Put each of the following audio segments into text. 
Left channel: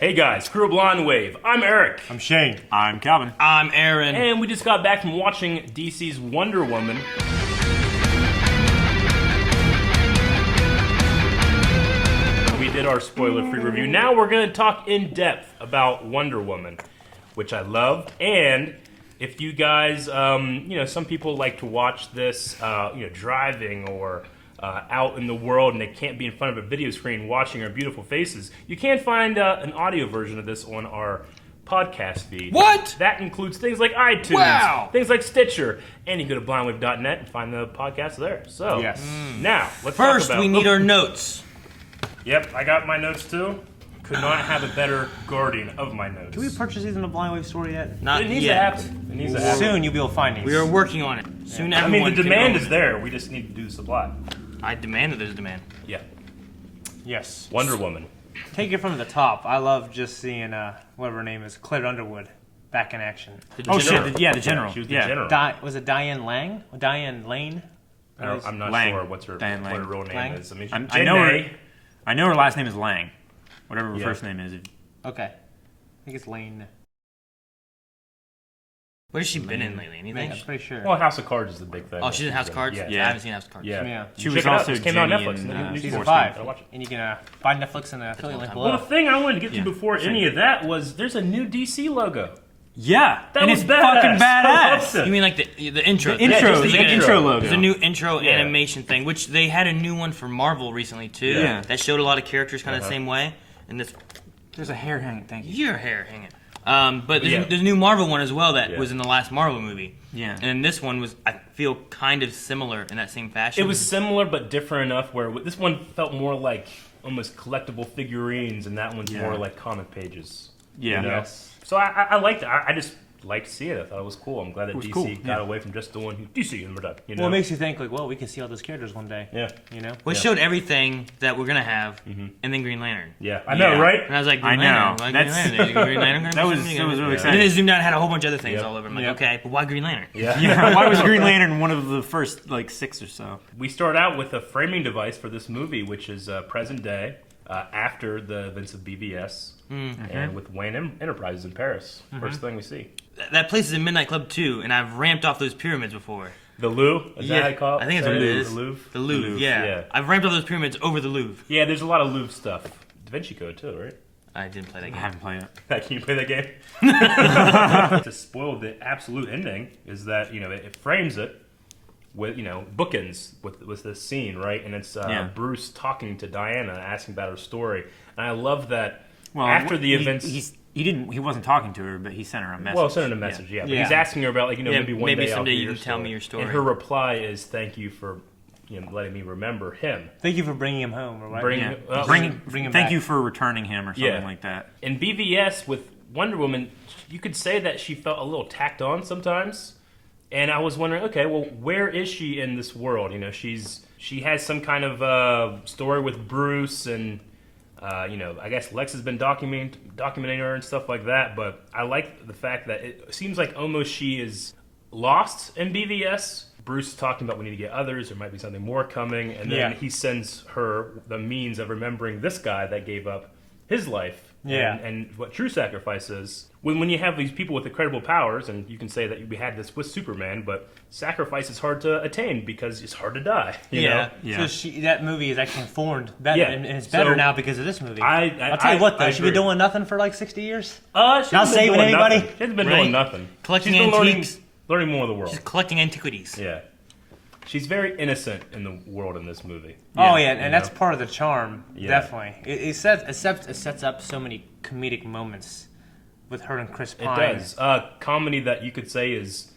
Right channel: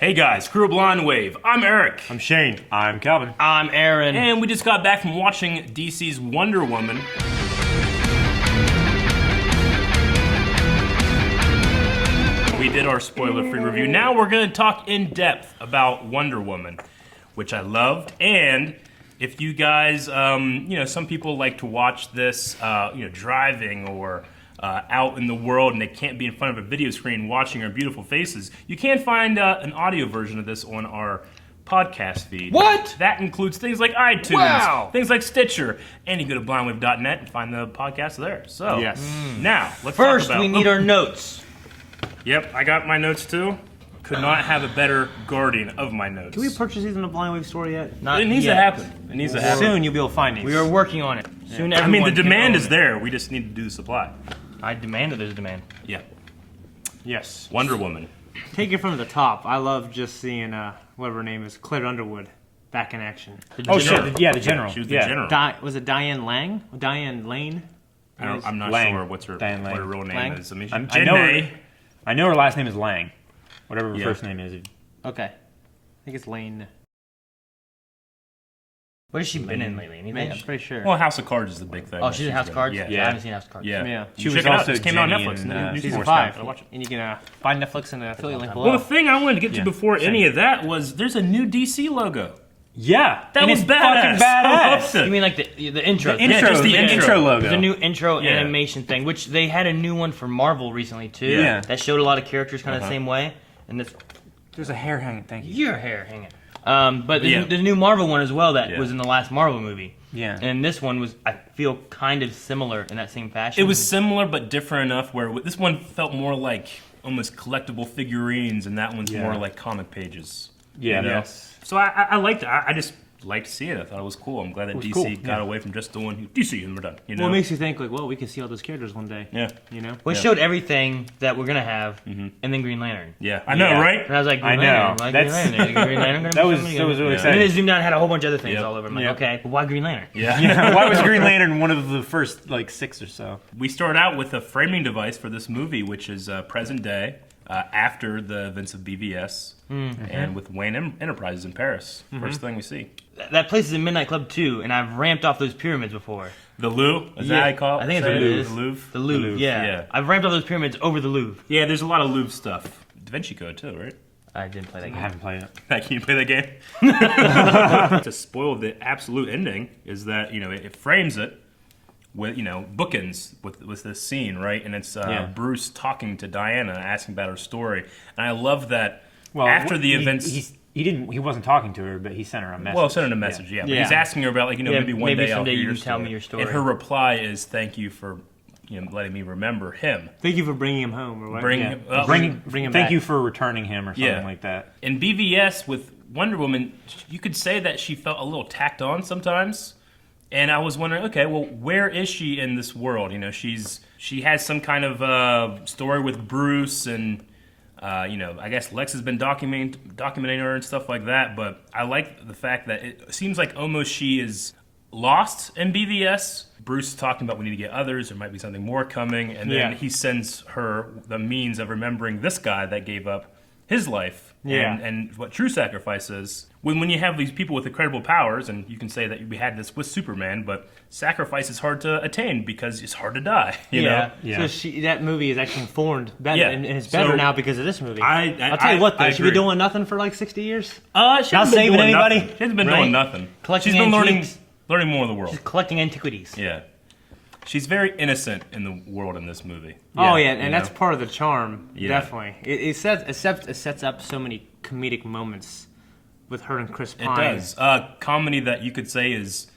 Hey guys, Crew of Blonde Wave. I'm Eric. I'm Shane. I'm Calvin. I'm Aaron. And we just got back from watching DC's Wonder Woman. We did our spoiler-free review. Now we're going to talk in depth about Wonder Woman, which I loved. And if you guys, some people like to watch this, driving or out in the world and they can't be in front of a video screen watching our beautiful faces, you can find an audio version of this on our podcast feed. What? That includes things like iTunes, Wow. things like Stitcher, and you go to blindwave.net and find the podcast there. So, Yes. Now, let's First, talk about... we need our notes. Yep, I got my notes too. Could not have a better guardian of my notes. Can we purchase these in the Blind Wave store yet? Not It needs yet. to happen. It needs to happen. Soon you'll be able to find these. We are working on it. Soon, I mean, everyone the can demand own is it. there. We just need to do the supply. I demand that there's demand. Yeah. Yes. Wonder Woman. Take it from the top. I love just seeing whatever her name is, Claire Underwood, back in action. Oh shit! Yeah, the general. She was the yeah. general. Was it Diane Lang? Diane Lane? I'm not Lang. sure what's her Diane Lang. real name Lang? is. I mean, I know her. I know her last name is Lang. Whatever her Yeah. first name is. Okay. I think it's Lane. What has she been in lately? Anything? I'm pretty sure. Well, House of Cards is the big thing. Oh, she's in House of Cards? Yeah. I haven't seen House of Cards. Yeah. Yeah. She Check was it out. also This came out on Jenny Netflix. in, News Season Force. 5. Gotta watch it. And you can find Netflix in the affiliate link Well, the below. thing I wanted to get to before any of that was there's a new DC logo. Yeah, That and was it's badass. fucking I loved badass. it. You mean like the intro? The intro, just the intro logo. There's a new intro animation thing, which they had a new one for Marvel recently too. Yeah. That showed a lot of characters kind of the same way. And this, There's a hair hanging. Thank you. your hair hanging. But there's, Yeah. there's a new Marvel one as well that was in the last Marvel movie. Yeah. And this one was, I feel, kind of similar in that same fashion. It was similar but different enough where this one felt more like almost collectible figurines, and that one's more like comic pages. Yeah. Yes. So I liked it. I just liked seeing it. I thought it was cool. I'm glad that DC cool, got yeah. away from just doing DC and we're done. You know? Well, it makes you think, like, well, we can see all those characters one day. Yeah. You know? Well, it showed everything that we're gonna have, and then Green Lantern. Yeah. I know, Yeah. right? And I was like, I Green know. Lantern. Why Green That's- Lantern? Green Lantern gonna That be was something? that was really Yeah. And then exciting. it zoomed out and had a whole bunch of other things Yeah. all over. I'm like, Yeah. okay, but why Green Lantern? Yeah. Yeah, why was Green Lantern one of the first like 6 or so? We start out with a framing device for this movie, which is present day, after the events of BVS, and with Wayne Enterprises in Paris. First thing we see. That place is in Midnight Club too, and I've ramped off those pyramids before. The Louvre, is that how you call it? I think it's Say what it it? is. The Louvre. The Louvre, yeah. yeah. I've ramped off those pyramids over the Louvre. Yeah, there's a lot of Louvre stuff. Da Vinci Code too, right? I didn't play that I game. haven't played it. Can you play that game? To spoil the absolute ending is that it frames it with bookends with this scene, right? And it's Bruce talking to Diana, asking about her story, and I love that. Well, after the events, he wasn't talking to her, but he sent her a message. well, send her a message, yeah. But Yeah. he's asking her about maybe one maybe day someday I'll hear you your can tell story. me your story. And her reply is, "Thank you for letting me remember him." Thank you for bringing him home. Or what? Bring Yeah. him- well, bring him Thank back. you for returning him or something Yeah. like that. In BVS with Wonder Woman, you could say that she felt a little tacked on sometimes. And I was wondering, okay, well, where is she in this world? She has some kind of story with Bruce, and I guess Lex has been documenting her and stuff like that. But I like the fact that it seems like almost she is lost in BVS. Bruce is talking about we need to get others. There might be something more coming, and then he sends her the means of remembering this guy that gave up his life. Yeah. And what true sacrifice is. When you have these people with incredible powers, and you can say that we had this with Superman, but sacrifice is hard to attain because it's hard to die. You know? Yeah. So that movie is actually informed better, Yeah. and it's better So, now because of this movie. I'll tell you what, though, I she been agree. doing nothing for like 60 years. She Not hasn't been saving doing anybody? nothing. She hasn't been Right? doing nothing. Collecting She's been antiques. learning more of the world. Just collecting antiquities. Yeah. She's very innocent in the world in this movie. Oh yeah, and you that's know? part of the charm. Yeah. Definitely, it sets up so many comedic moments with her and Chris It Pine. does. Comedy that you could say is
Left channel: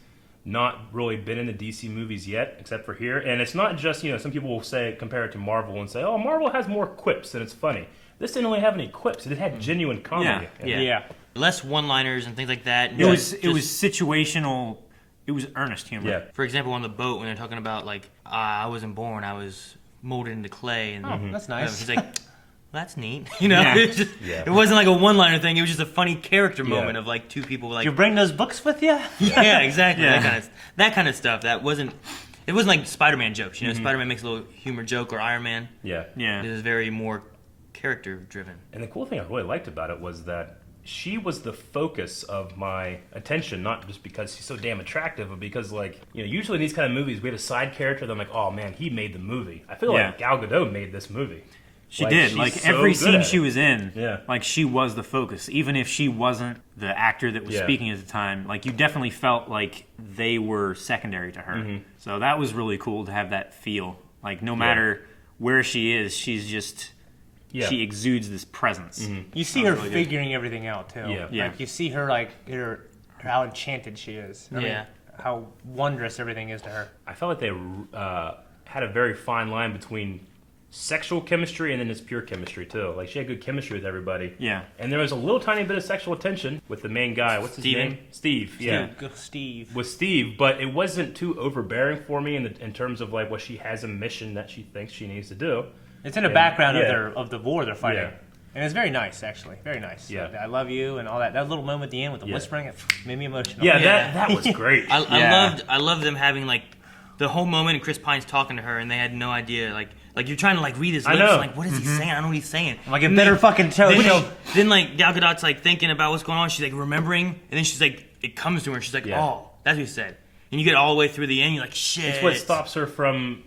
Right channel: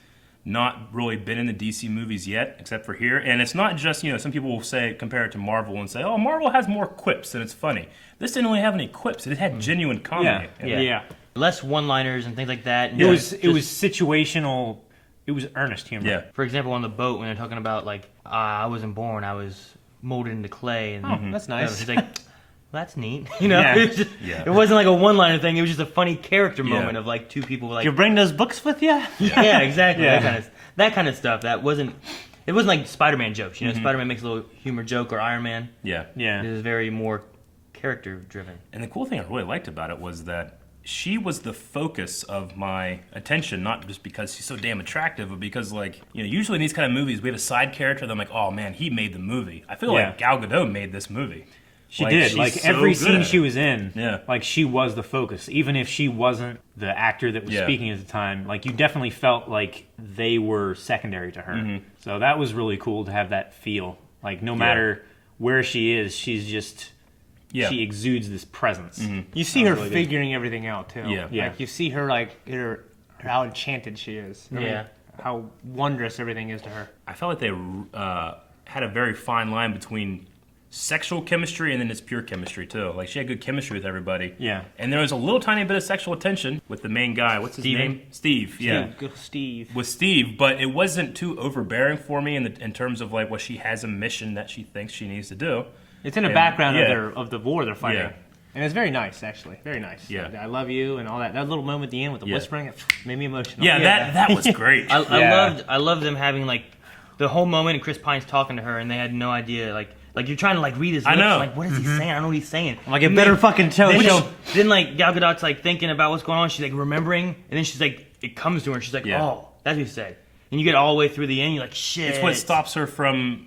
not really been in the DC movies yet, except for here. And it's not just, some people will say, compare it to Marvel and say, oh, Marvel has more quips and it's funny. This didn't really have any quips. It had genuine comedy. Yeah. Yeah. Less one-liners and things like that. And It was just- situational. It was earnest humor. Yeah. For example, on the boat when they're talking about like, I wasn't born, I was molded into clay. And Oh, that's nice. She's like, that's neat. Yeah. It wasn't like a one-liner thing. It was just a funny character moment of like two people like. You bring those books with you? Yeah, exactly. Yeah. That kind of stuff. It wasn't like Spider-Man jokes. Spider-Man makes a little humor joke or Iron Man. Yeah. Yeah. This is very more character driven. And the cool thing I really liked about it was that she was the focus of my attention, not just because she's so damn attractive, but because, like, usually in these kind of movies, we have a side character that I'm like, oh man, he made the movie. I feel like Gal Gadot made this movie. She did. Like, every scene she was in, yeah, like, she was the focus. Even if she wasn't the actor that was speaking at the time, like, you definitely felt like they were secondary to her. Mm-hmm. So that was really cool to have that feel. Like, no matter where she is, she's just... Yeah. She exudes this presence. Mm-hmm. You see her really figuring everything out too. Yeah. Like you see her how enchanted she is. I mean, how wondrous everything is to her. I felt like they had a very fine line between sexual chemistry and then it's pure chemistry too. Like she had good chemistry with everybody. Yeah. And there was a little tiny bit of sexual tension with the main guy. What's his name? Steve. Yeah. Steve. With Steve, but it wasn't too overbearing for me in terms of like what she has a mission that she thinks she needs to do. It's in the background of the war they're fighting. Yeah. And it's very nice, actually. Very nice. Yeah. I love you and all that. That little moment at the end with the whispering, it made me emotional. Yeah, that was great. I loved them having like the whole moment and Chris Pine's talking to her and they had no idea like you're trying to like read his lips, like what is he saying? I don't know what he's saying. I'm like, it better fucking show. Then like Gal Gadot's like thinking about what's going on, she's like remembering, and then she's like, it comes to her, she's like, oh, that's what he said. And you get all the way through the end, you're like, shit. It's what stops her from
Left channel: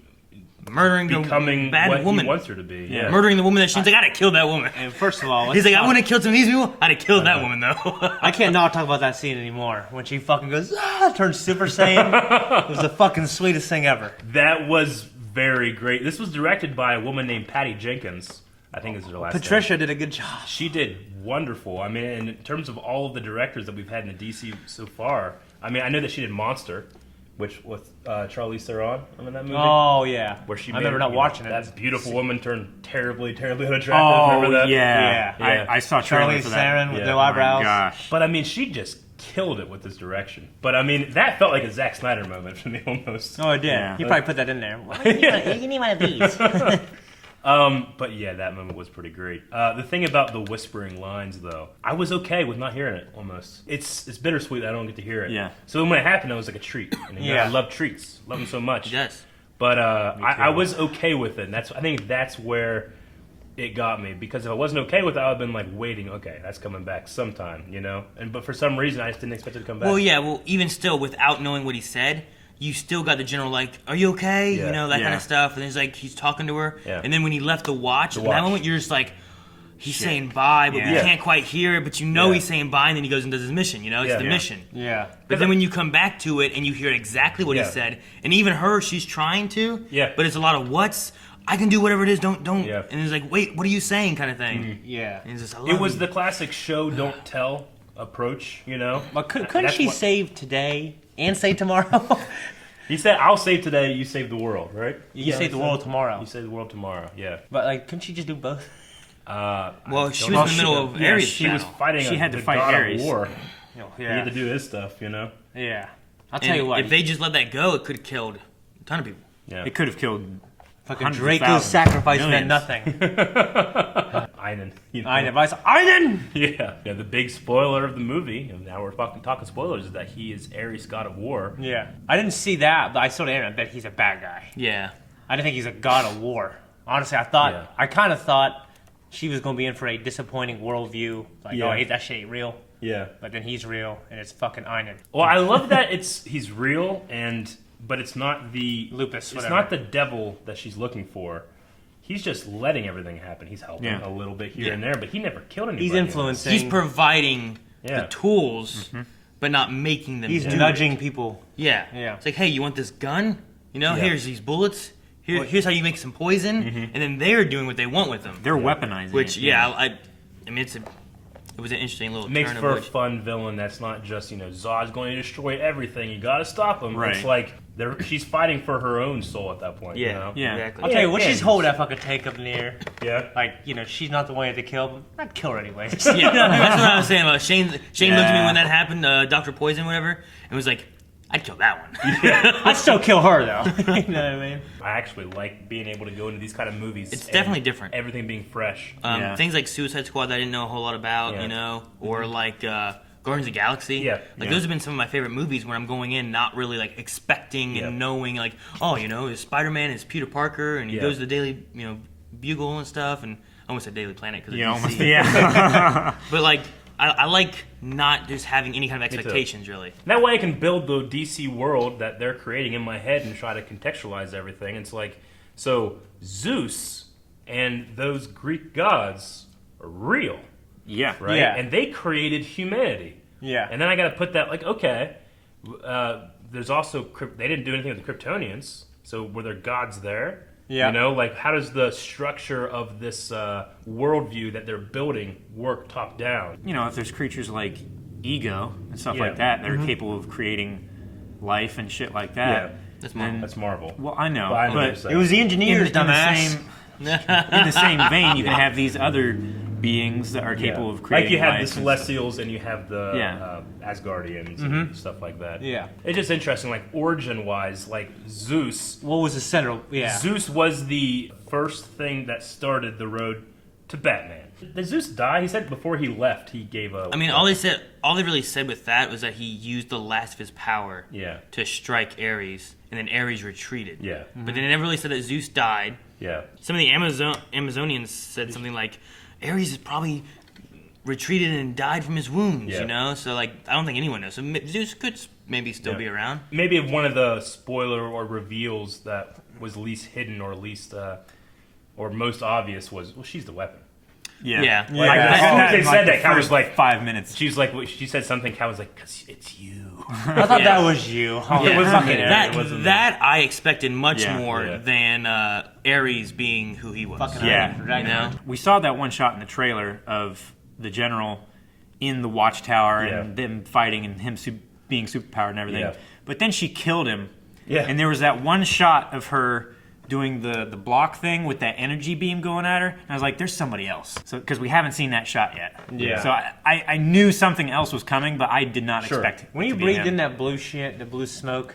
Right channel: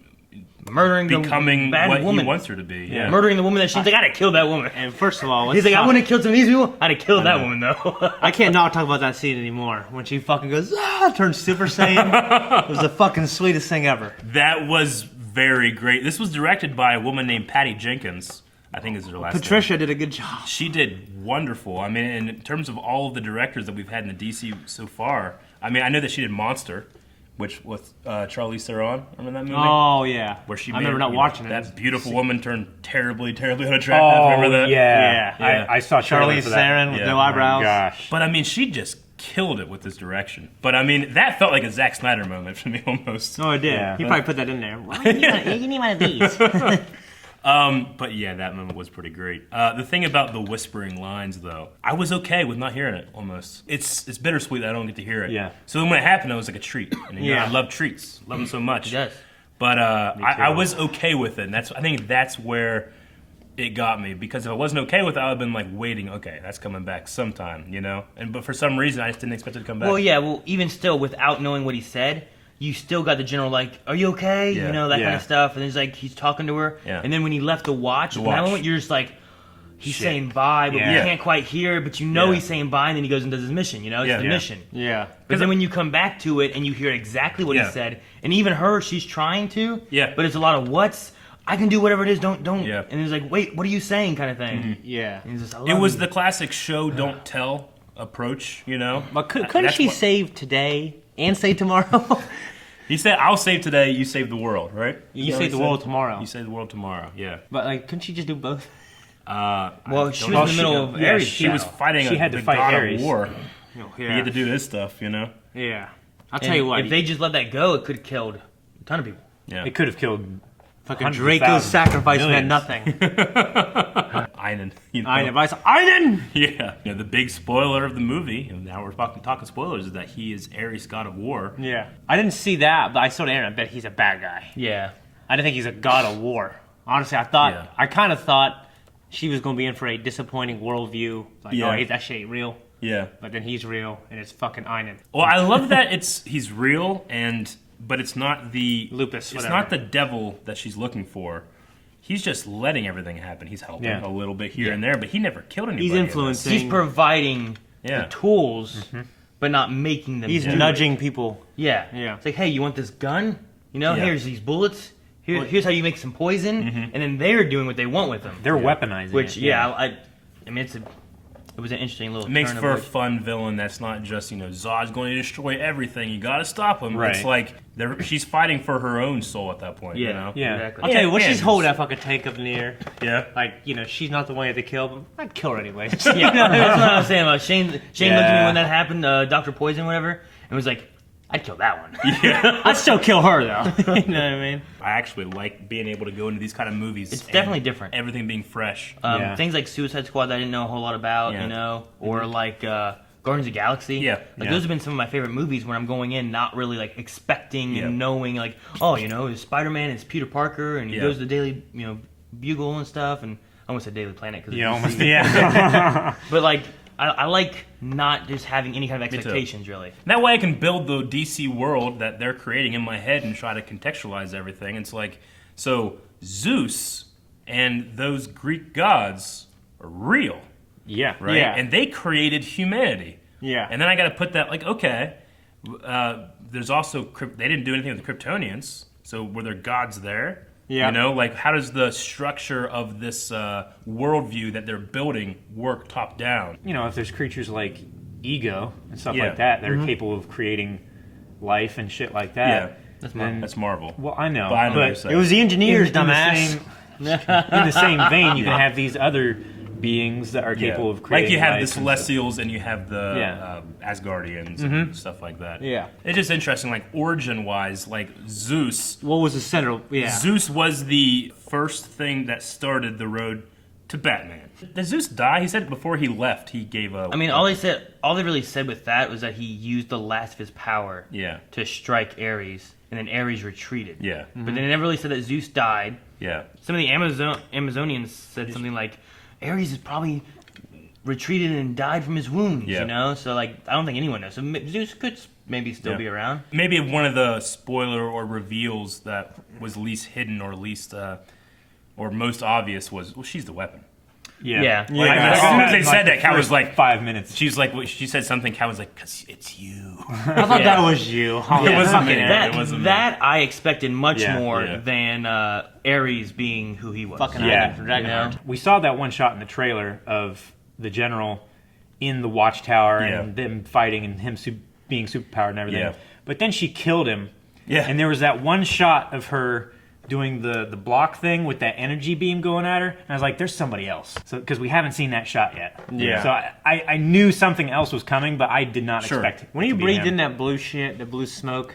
murdering becoming the bad what woman. He wants her to be. Yeah. Murdering the woman that she's like, I'd have killed that woman. And first of all, he's like, I wouldn't have killed some of these people. I'd have killed that woman though. I can't not talk about that scene anymore. When she fucking goes, turns Super Saiyan. It was the fucking sweetest thing ever. That was very great. This was directed by a woman named Patty Jenkins. I think is her last name. Patricia did a good job. She did wonderful. I mean, in terms of all of the directors that we've had in the DC so far, I mean, I know that she did Monster, which with Charlize Theron. Remember that movie? Oh, yeah. Where she I remember not watching it. That beautiful woman turned terribly, terribly unattractive. Remember that? Yeah. I saw Charlize Theron with no eyebrows. Oh, gosh. But, I mean, she just killed it with this direction. But, I mean, that felt like a Zack Snyder moment for me almost. Oh, it did. Yeah. He probably put that in there. Well, you need one of these. But yeah, that moment was pretty great. The thing about the whispering lines, though, I was okay with not hearing it. Almost, it's bittersweet that I don't get to hear it. Yeah. So when it happened, it was like a treat. And, I love treats, love them so much. Yes. But I was okay with it. And I think that's where it got me, because if I wasn't okay with it, I would have been like waiting. Okay, that's coming back sometime, but for some reason, I just didn't expect it to come back. Well, yeah. Well, even still, without knowing what he said, you still got the general, like, are you okay? Yeah. That kind of stuff. And then it's like, he's talking to her. Yeah. And then when he left the watch, at that moment, you're just like, he's saying bye, but we can't quite hear it, but he's saying bye, and then he goes and does his mission, It's the mission. Yeah. But then when you come back to it and you hear exactly what he said, and even her, she's trying to, but it's a lot of whats. I can do whatever it is, don't. Yeah. And it's like, wait, what are you saying kind of thing. Mm-hmm. Yeah. And it's just, it was the classic show, don't tell approach, But couldn't she save today and save tomorrow? He said, I'll save today, you save the world, right? You save the world tomorrow. You save the world tomorrow, yeah. But, couldn't she just do both? Well, she was in the middle of Aries. She was fighting She had to fight god Aries. of war. Yeah. He had to do his stuff, Yeah. I'll tell you what. If they just let that go, it could have killed a ton of people. Yeah. It could have killed fucking hundreds of Draco's thousands, sacrifice meant millions. nothing. Einen. Einen! Yeah. The big spoiler of the movie, and now we're talking spoilers, is that he is Aries, god of war. Yeah. I didn't see that, but I saw the internet. I bet he's a bad guy. Yeah. I didn't think he's a god of war. Honestly, I kind of thought she was going to be in for a disappointing worldview. Like, oh, hey, that shit ain't real. Yeah. But then he's real, and it's fucking Einen. Well, I love that he's real, but it's not the... Lupus, It's whatever. not the devil that she's looking for. He's just letting everything happen. He's helping a little bit here and there, but he never killed anybody. He's influencing. He's providing the tools, but not making them. He's nudging people. Yeah. Yeah. It's like, hey, you want this gun? Here's these bullets. Here's how you make some poison, and then they're doing what they want with them. They're weaponizing. Which, I mean, it was an interesting little. It makes turn for of a fun villain that's not just, Zod's going to destroy everything. You got to stop him. Right. It's like she's fighting for her own soul at that point. Yeah. Exactly. I'll tell you what, she's holding that fucking tank up in the air. Yeah. Like, she's not the one to kill, but I'd kill her anyway. Yeah, that's what I was saying about Shane. Shane looked at me when that happened, Dr. Poison, whatever, and was like, I'd kill that one. Yeah. I'd still kill her, though. You know what I mean? I actually like being able to go into these kind of movies. It's definitely different. Everything being fresh. Things like Suicide Squad that I didn't know a whole lot about, or like Guardians of the Galaxy. Yeah. Those have been some of my favorite movies where I'm going in not really like expecting and knowing like, oh, Spider-Man is Peter Parker and he goes to the Daily Bugle and stuff, and almost said Daily Planet. Cause Yeah, almost. Yeah. But like, I like not just having any kind of expectations, really. That way I can build the DC world that they're creating in my head and try to contextualize everything. It's like, so Zeus and those Greek gods are real, Yeah. right? Yeah. And they created humanity. Yeah. And then I got to put that, like, okay, there's also, they didn't do anything with the Kryptonians, so were there gods there? Yeah. You know, like, how does the structure of this worldview that they're building work top down? You know, if there's creatures like ego and stuff like that that are capable of creating life and shit like that. That's Marvel. That's Marvel. Well, I know, But I don't but understand. It was the engineers, in the dumbass. in the same vein, you can have these other beings that are capable of creating like you have life the and stuff. Celestials and you have the Yeah. Asgardians and stuff like that. Yeah. It's just interesting, like origin-wise, like Zeus. What was the center? Yeah. Zeus was the first thing that started the road to Batman. Did Zeus die? He said before he left, he gave up. I mean, all they really said with that was that he used the last of his power Yeah. to strike Aries, and then Aries retreated. Yeah. But they never really said that Zeus died. Yeah. Some of the Amazonians said something like, Ares has probably retreated and died from his wounds, Yeah. you know? So, like, I don't think anyone knows. So Zeus could maybe still be around. Maybe one of the spoiler or reveals that was least hidden or least or most obvious was, well, she's the weapon. Yeah. Yeah. Like, Yeah. they said that. Cal was like, 5 minutes. she's like, she said something. Cal was like, 'cause it's you. I thought that was you. Oh, Yeah, it wasn't fucking me. Eric. It wasn't That I expected much Yeah. more Yeah. than Ares being who he was. Fucking Yeah. Iron Dragon. You know? We saw that one shot in the trailer of the general in the watchtower Yeah. and them fighting and him being superpowered and everything. Yeah. But then she killed him. Yeah. And there was that one shot of her doing the block thing with that energy beam going at her. And I was like, there's somebody else. So because we haven't seen that shot yet. Yeah. So I knew something else was coming, but I did not Sure. expect it. When you to be breathed him. in that blue shit, the blue smoke.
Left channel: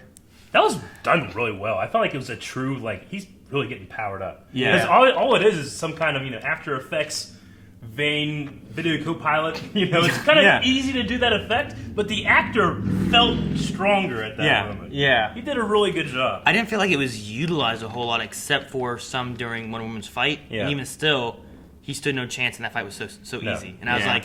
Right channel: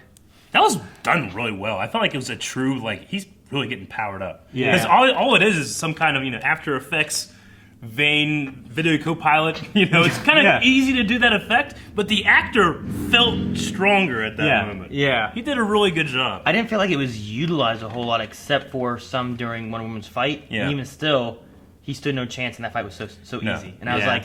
That was done really well. I felt like it was a true, like, he's really getting powered up. Yeah. Because all it is some kind of, After Effects vein video co-pilot. It's kind of Yeah. easy to do that effect, but the actor felt stronger at that Yeah. moment. Yeah. He did a really good job. I didn't feel like it was utilized a whole lot except for some during Wonder Woman's fight. Yeah. And even still, he stood no chance and that fight was so No. easy. And I was Yeah. like,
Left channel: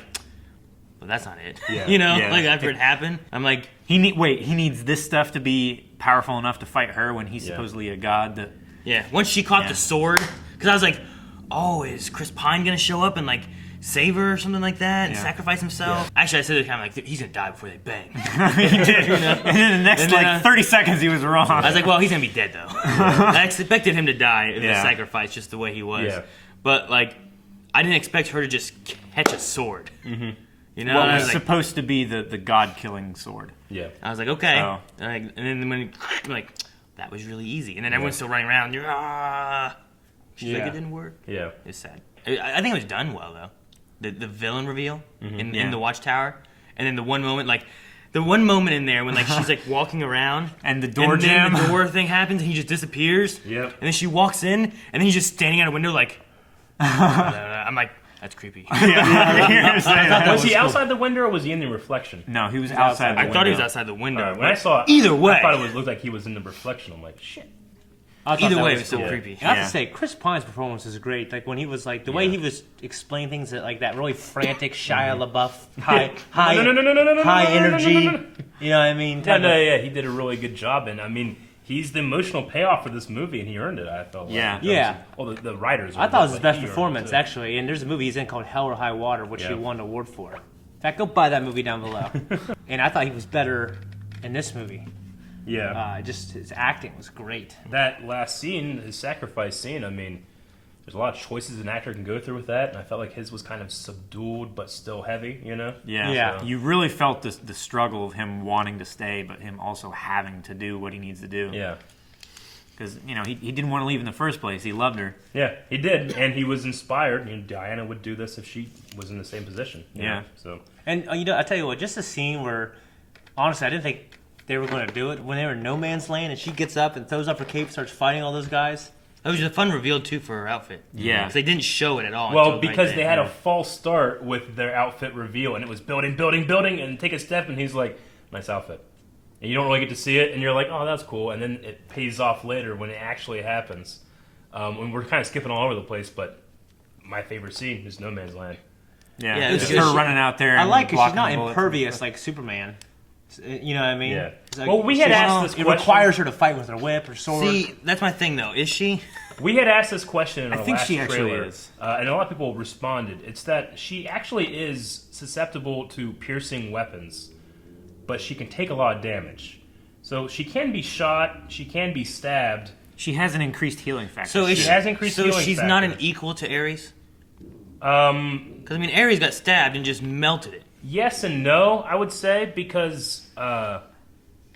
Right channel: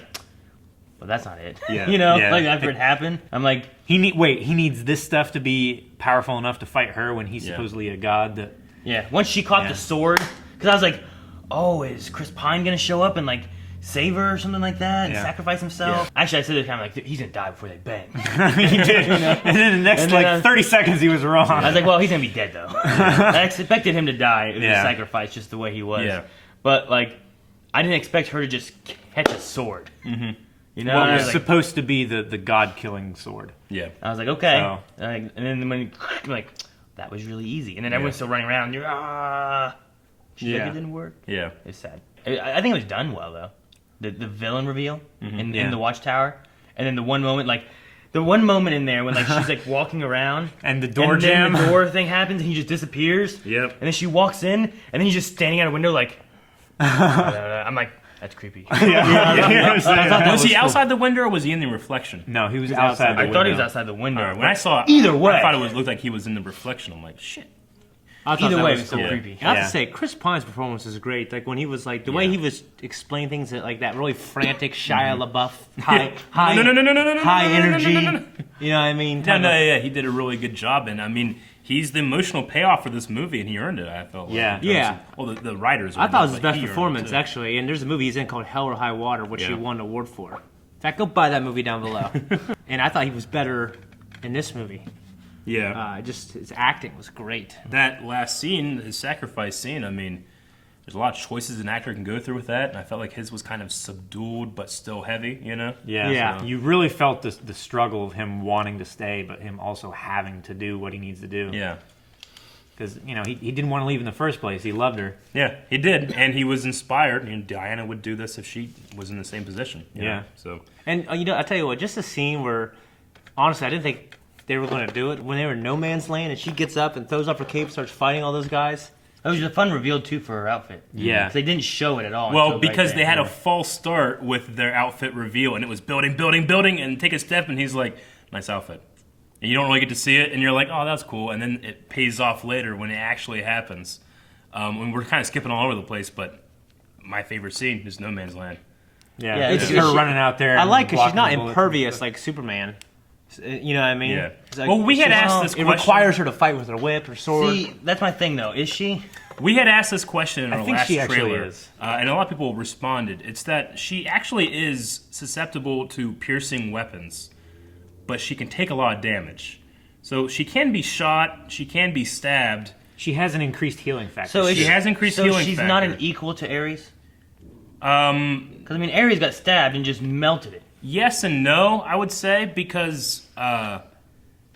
well, that's not it. Yeah. Yeah. Like after it happened, I'm like, He needs this stuff to be powerful enough to fight her when he's supposedly a god. That yeah. Once she caught Yeah. the sword, because I was like, oh, is Chris Pine going to show up and like save her or something like that and Yeah. sacrifice himself? Actually, I said it kind of like, he's going to die before they bang. he did. And then the next And then, 30 seconds he was wrong. I was like, well, he's going to be dead though. I expected him to die if he was Yeah. sacrificed just the way he was. Yeah. But like, I didn't expect her to just catch a sword. Mm-hmm. You know, What I was was, like, supposed to be the god-killing sword. Yeah. I was like, okay. So- And then when I'm like, that was really easy. And then everyone's still running around. She's like, Yeah. it didn't work. Yeah. It's sad. I think it was done well though. The villain reveal in Yeah. the Watchtower, and then the one moment in there when like she's like walking around And the door and then jam. the door thing happens and he just disappears. Yep. And then she walks in and then he's just standing at a window like. I'm like, that's creepy. I thought that Was he cool. outside the window or was he in the reflection? No, he was outside outside the the I window. thought he was outside the window. When I saw it, Either way. I thought it looked like he was in the reflection. I'm like, shit. I thought Either that way, was it was so cool. creepy. I have Yeah. to say, Chris Pine's performance is great. Like when he was like the way he was explaining things that like that really frantic Shia LaBeouf high high energy. You know what I mean? Yeah, he did a really good job, and I mean, he's the emotional payoff for this movie, and he earned it. I felt. Yeah. Like. Yeah. Well, the writers. I thought it was his but best he earned it, performance too. actually. And there's a movie he's in called Hell or High Water, which he Yeah. won an award for. In fact, go buy that movie down below. And I thought he was better in this movie. Yeah. Just his acting was great. That last scene, his sacrifice scene. I mean, there's a lot of choices an actor can go through with that, and I felt like his was kind of subdued but still heavy. Yeah. Yeah. You really felt the struggle of him wanting to stay, but him also having to do what he needs to do. Yeah. Because, he didn't want to leave in the first place. He loved her. Yeah, he did, and he was inspired. And Diana would do this if she was in the same position. you know? Yeah. So. And I tell you what, just a scene where honestly I didn't think they were going to do it when they were in no man's land, and she gets up and throws up her cape, starts fighting all those guys. It was a fun reveal too for her outfit. Yeah. Because they didn't show it at all. Well, until right because then. they had a false start with their outfit reveal, and it was building, and take a step, and he's like, nice outfit. And you don't really get to see it, and you're like, oh, that's cool. And then it pays off later when it actually happens. And we're kind of skipping all over the place, but my favorite scene is No Man's Land. Yeah, it's just good. her running out there. I and like because she's blocking not the bullets. impervious like Superman. You know what I mean? Yeah. It's like, Well, we had she's- asked this It question. requires her to fight with her whip or sword. See, that's my thing though. Is she? We had asked this question in our think last she actually trailer, is. and a lot of people responded. It's that she actually is susceptible to piercing weapons, but she can take a lot of damage. So she can be shot, she can be stabbed. She has an increased healing factor. So She has increased So healing she's factor. not an equal to Ares. Because I mean, Ares got stabbed and just melted it. Yes and no, I would say, because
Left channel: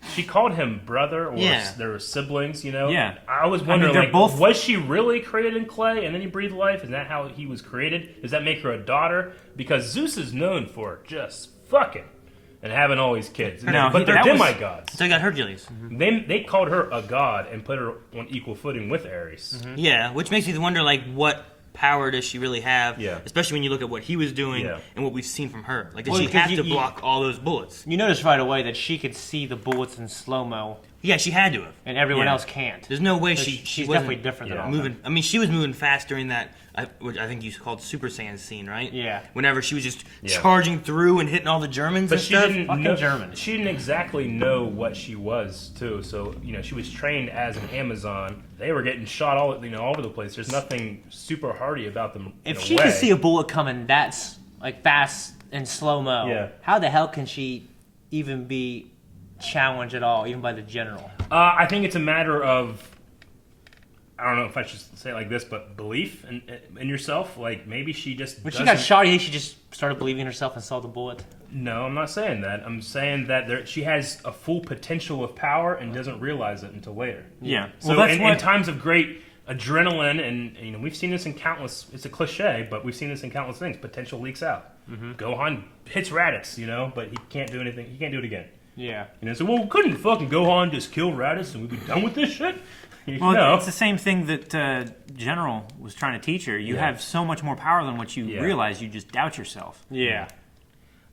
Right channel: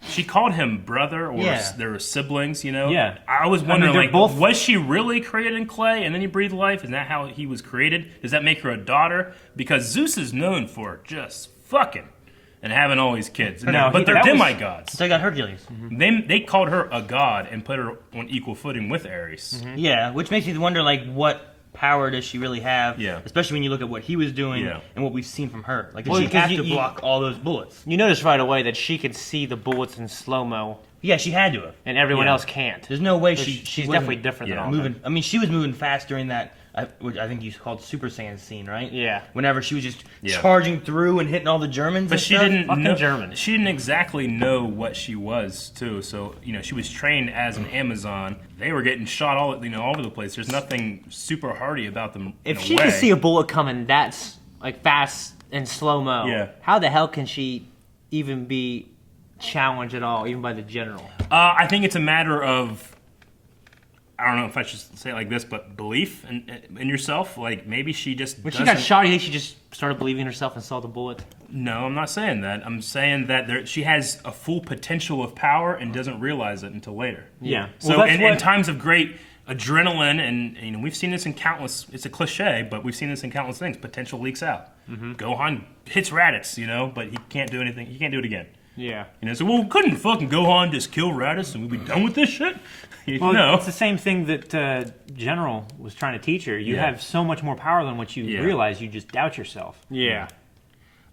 she called him brother, or Yeah. they were siblings, you know? Yeah. I was I mean, wondering, they're like, both- was she really created in clay and then he breathed life? Is that how he was created? Does that make her a daughter? Because Zeus is known for just fucking and having all these kids. No, But they're that was- demigods. So I got Hercules. They called her a god and put her on equal footing with Ares. Yeah, which makes me wonder, like, what power does she really have? Yeah. Especially when you look at what he was doing Yeah. and what we've seen from her. Like, does Well, she because have you- to block all those bullets? You notice right away that she could see the bullets in slow-mo, Yeah, she had to have. and everyone Yeah. else can't. There's no way So she. she's wasn't definitely different than all of moving. them. I mean, she was moving fast during that, which I think you called Super Saiyan scene, right? Yeah. Whenever she was just Yeah. charging through and hitting all the Germans But and she stuff. didn't Fucking know, Germans. She didn't exactly know what she was too. So she was trained as an Amazon. They were getting shot all all over the place. There's nothing super hardy about them. If she can see a bullet coming that's like fast and slow-mo, Yeah. how the hell can she even be challenged at all, even by the general? I think it's a matter of, I don't know if I should say it like this, but belief in yourself. Like maybe she just. When she got shot, you think she just started believing in herself and saw the bullet? No, I'm not saying that. I'm saying that she has a full potential of power and doesn't realize it until later. Yeah. So Well, that's in what- times of great adrenaline, and we've seen this in countless. It's a cliche, but we've seen this in countless things. Potential leaks out. Gohan hits Raditz, but he can't do anything. He can't do it again. Yeah. So well, couldn't fucking Gohan just kill Raditz and we'd be done with this shit? Well, No. it's the same thing that General was trying to teach her. You Yeah. have so much more power than what you Yeah. realize. You just doubt yourself. Yeah.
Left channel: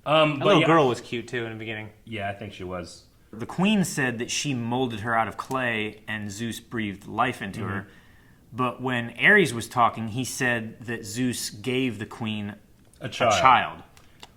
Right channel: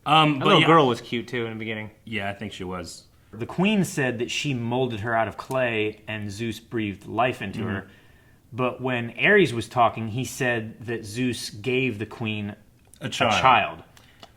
But That little yeah, girl was cute, too, in the beginning. Yeah, I think she was. The queen said that she molded her out of clay and Zeus breathed life into her. But when Ares was talking, he said that Zeus gave the queen A a child. child.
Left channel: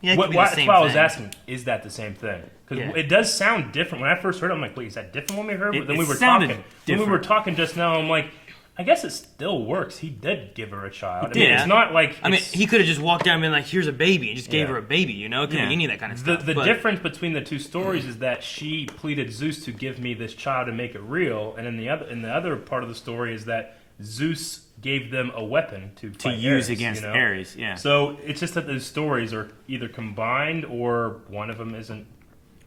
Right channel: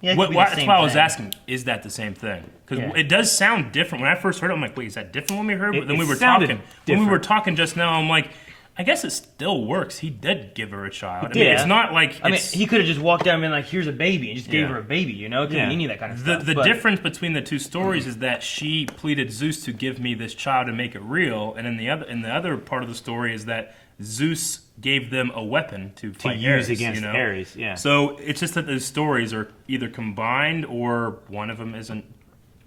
Yeah, it could be the That's same why I was thing. asking, is that the same thing? Because Yeah. it does sound different. When I first heard it, I'm like, wait, is that different when we heard it? It- But then it we were sounded talking. When we were different. talking just now, I'm like, I guess it still works. He did give her a child. did. It's not like I mean, it's, he could have just walked down and been like, "Here's a baby," and just gave Yeah. her a baby. It could Yeah. be any of that kind of the, stuff. the but- difference between the two stories is that she pleaded Zeus to give me this child and make it real, and in the other part of the story is that Zeus gave them a weapon to fight use Ares, against Ares, yeah. So it's just that those stories are either combined or one of them isn't.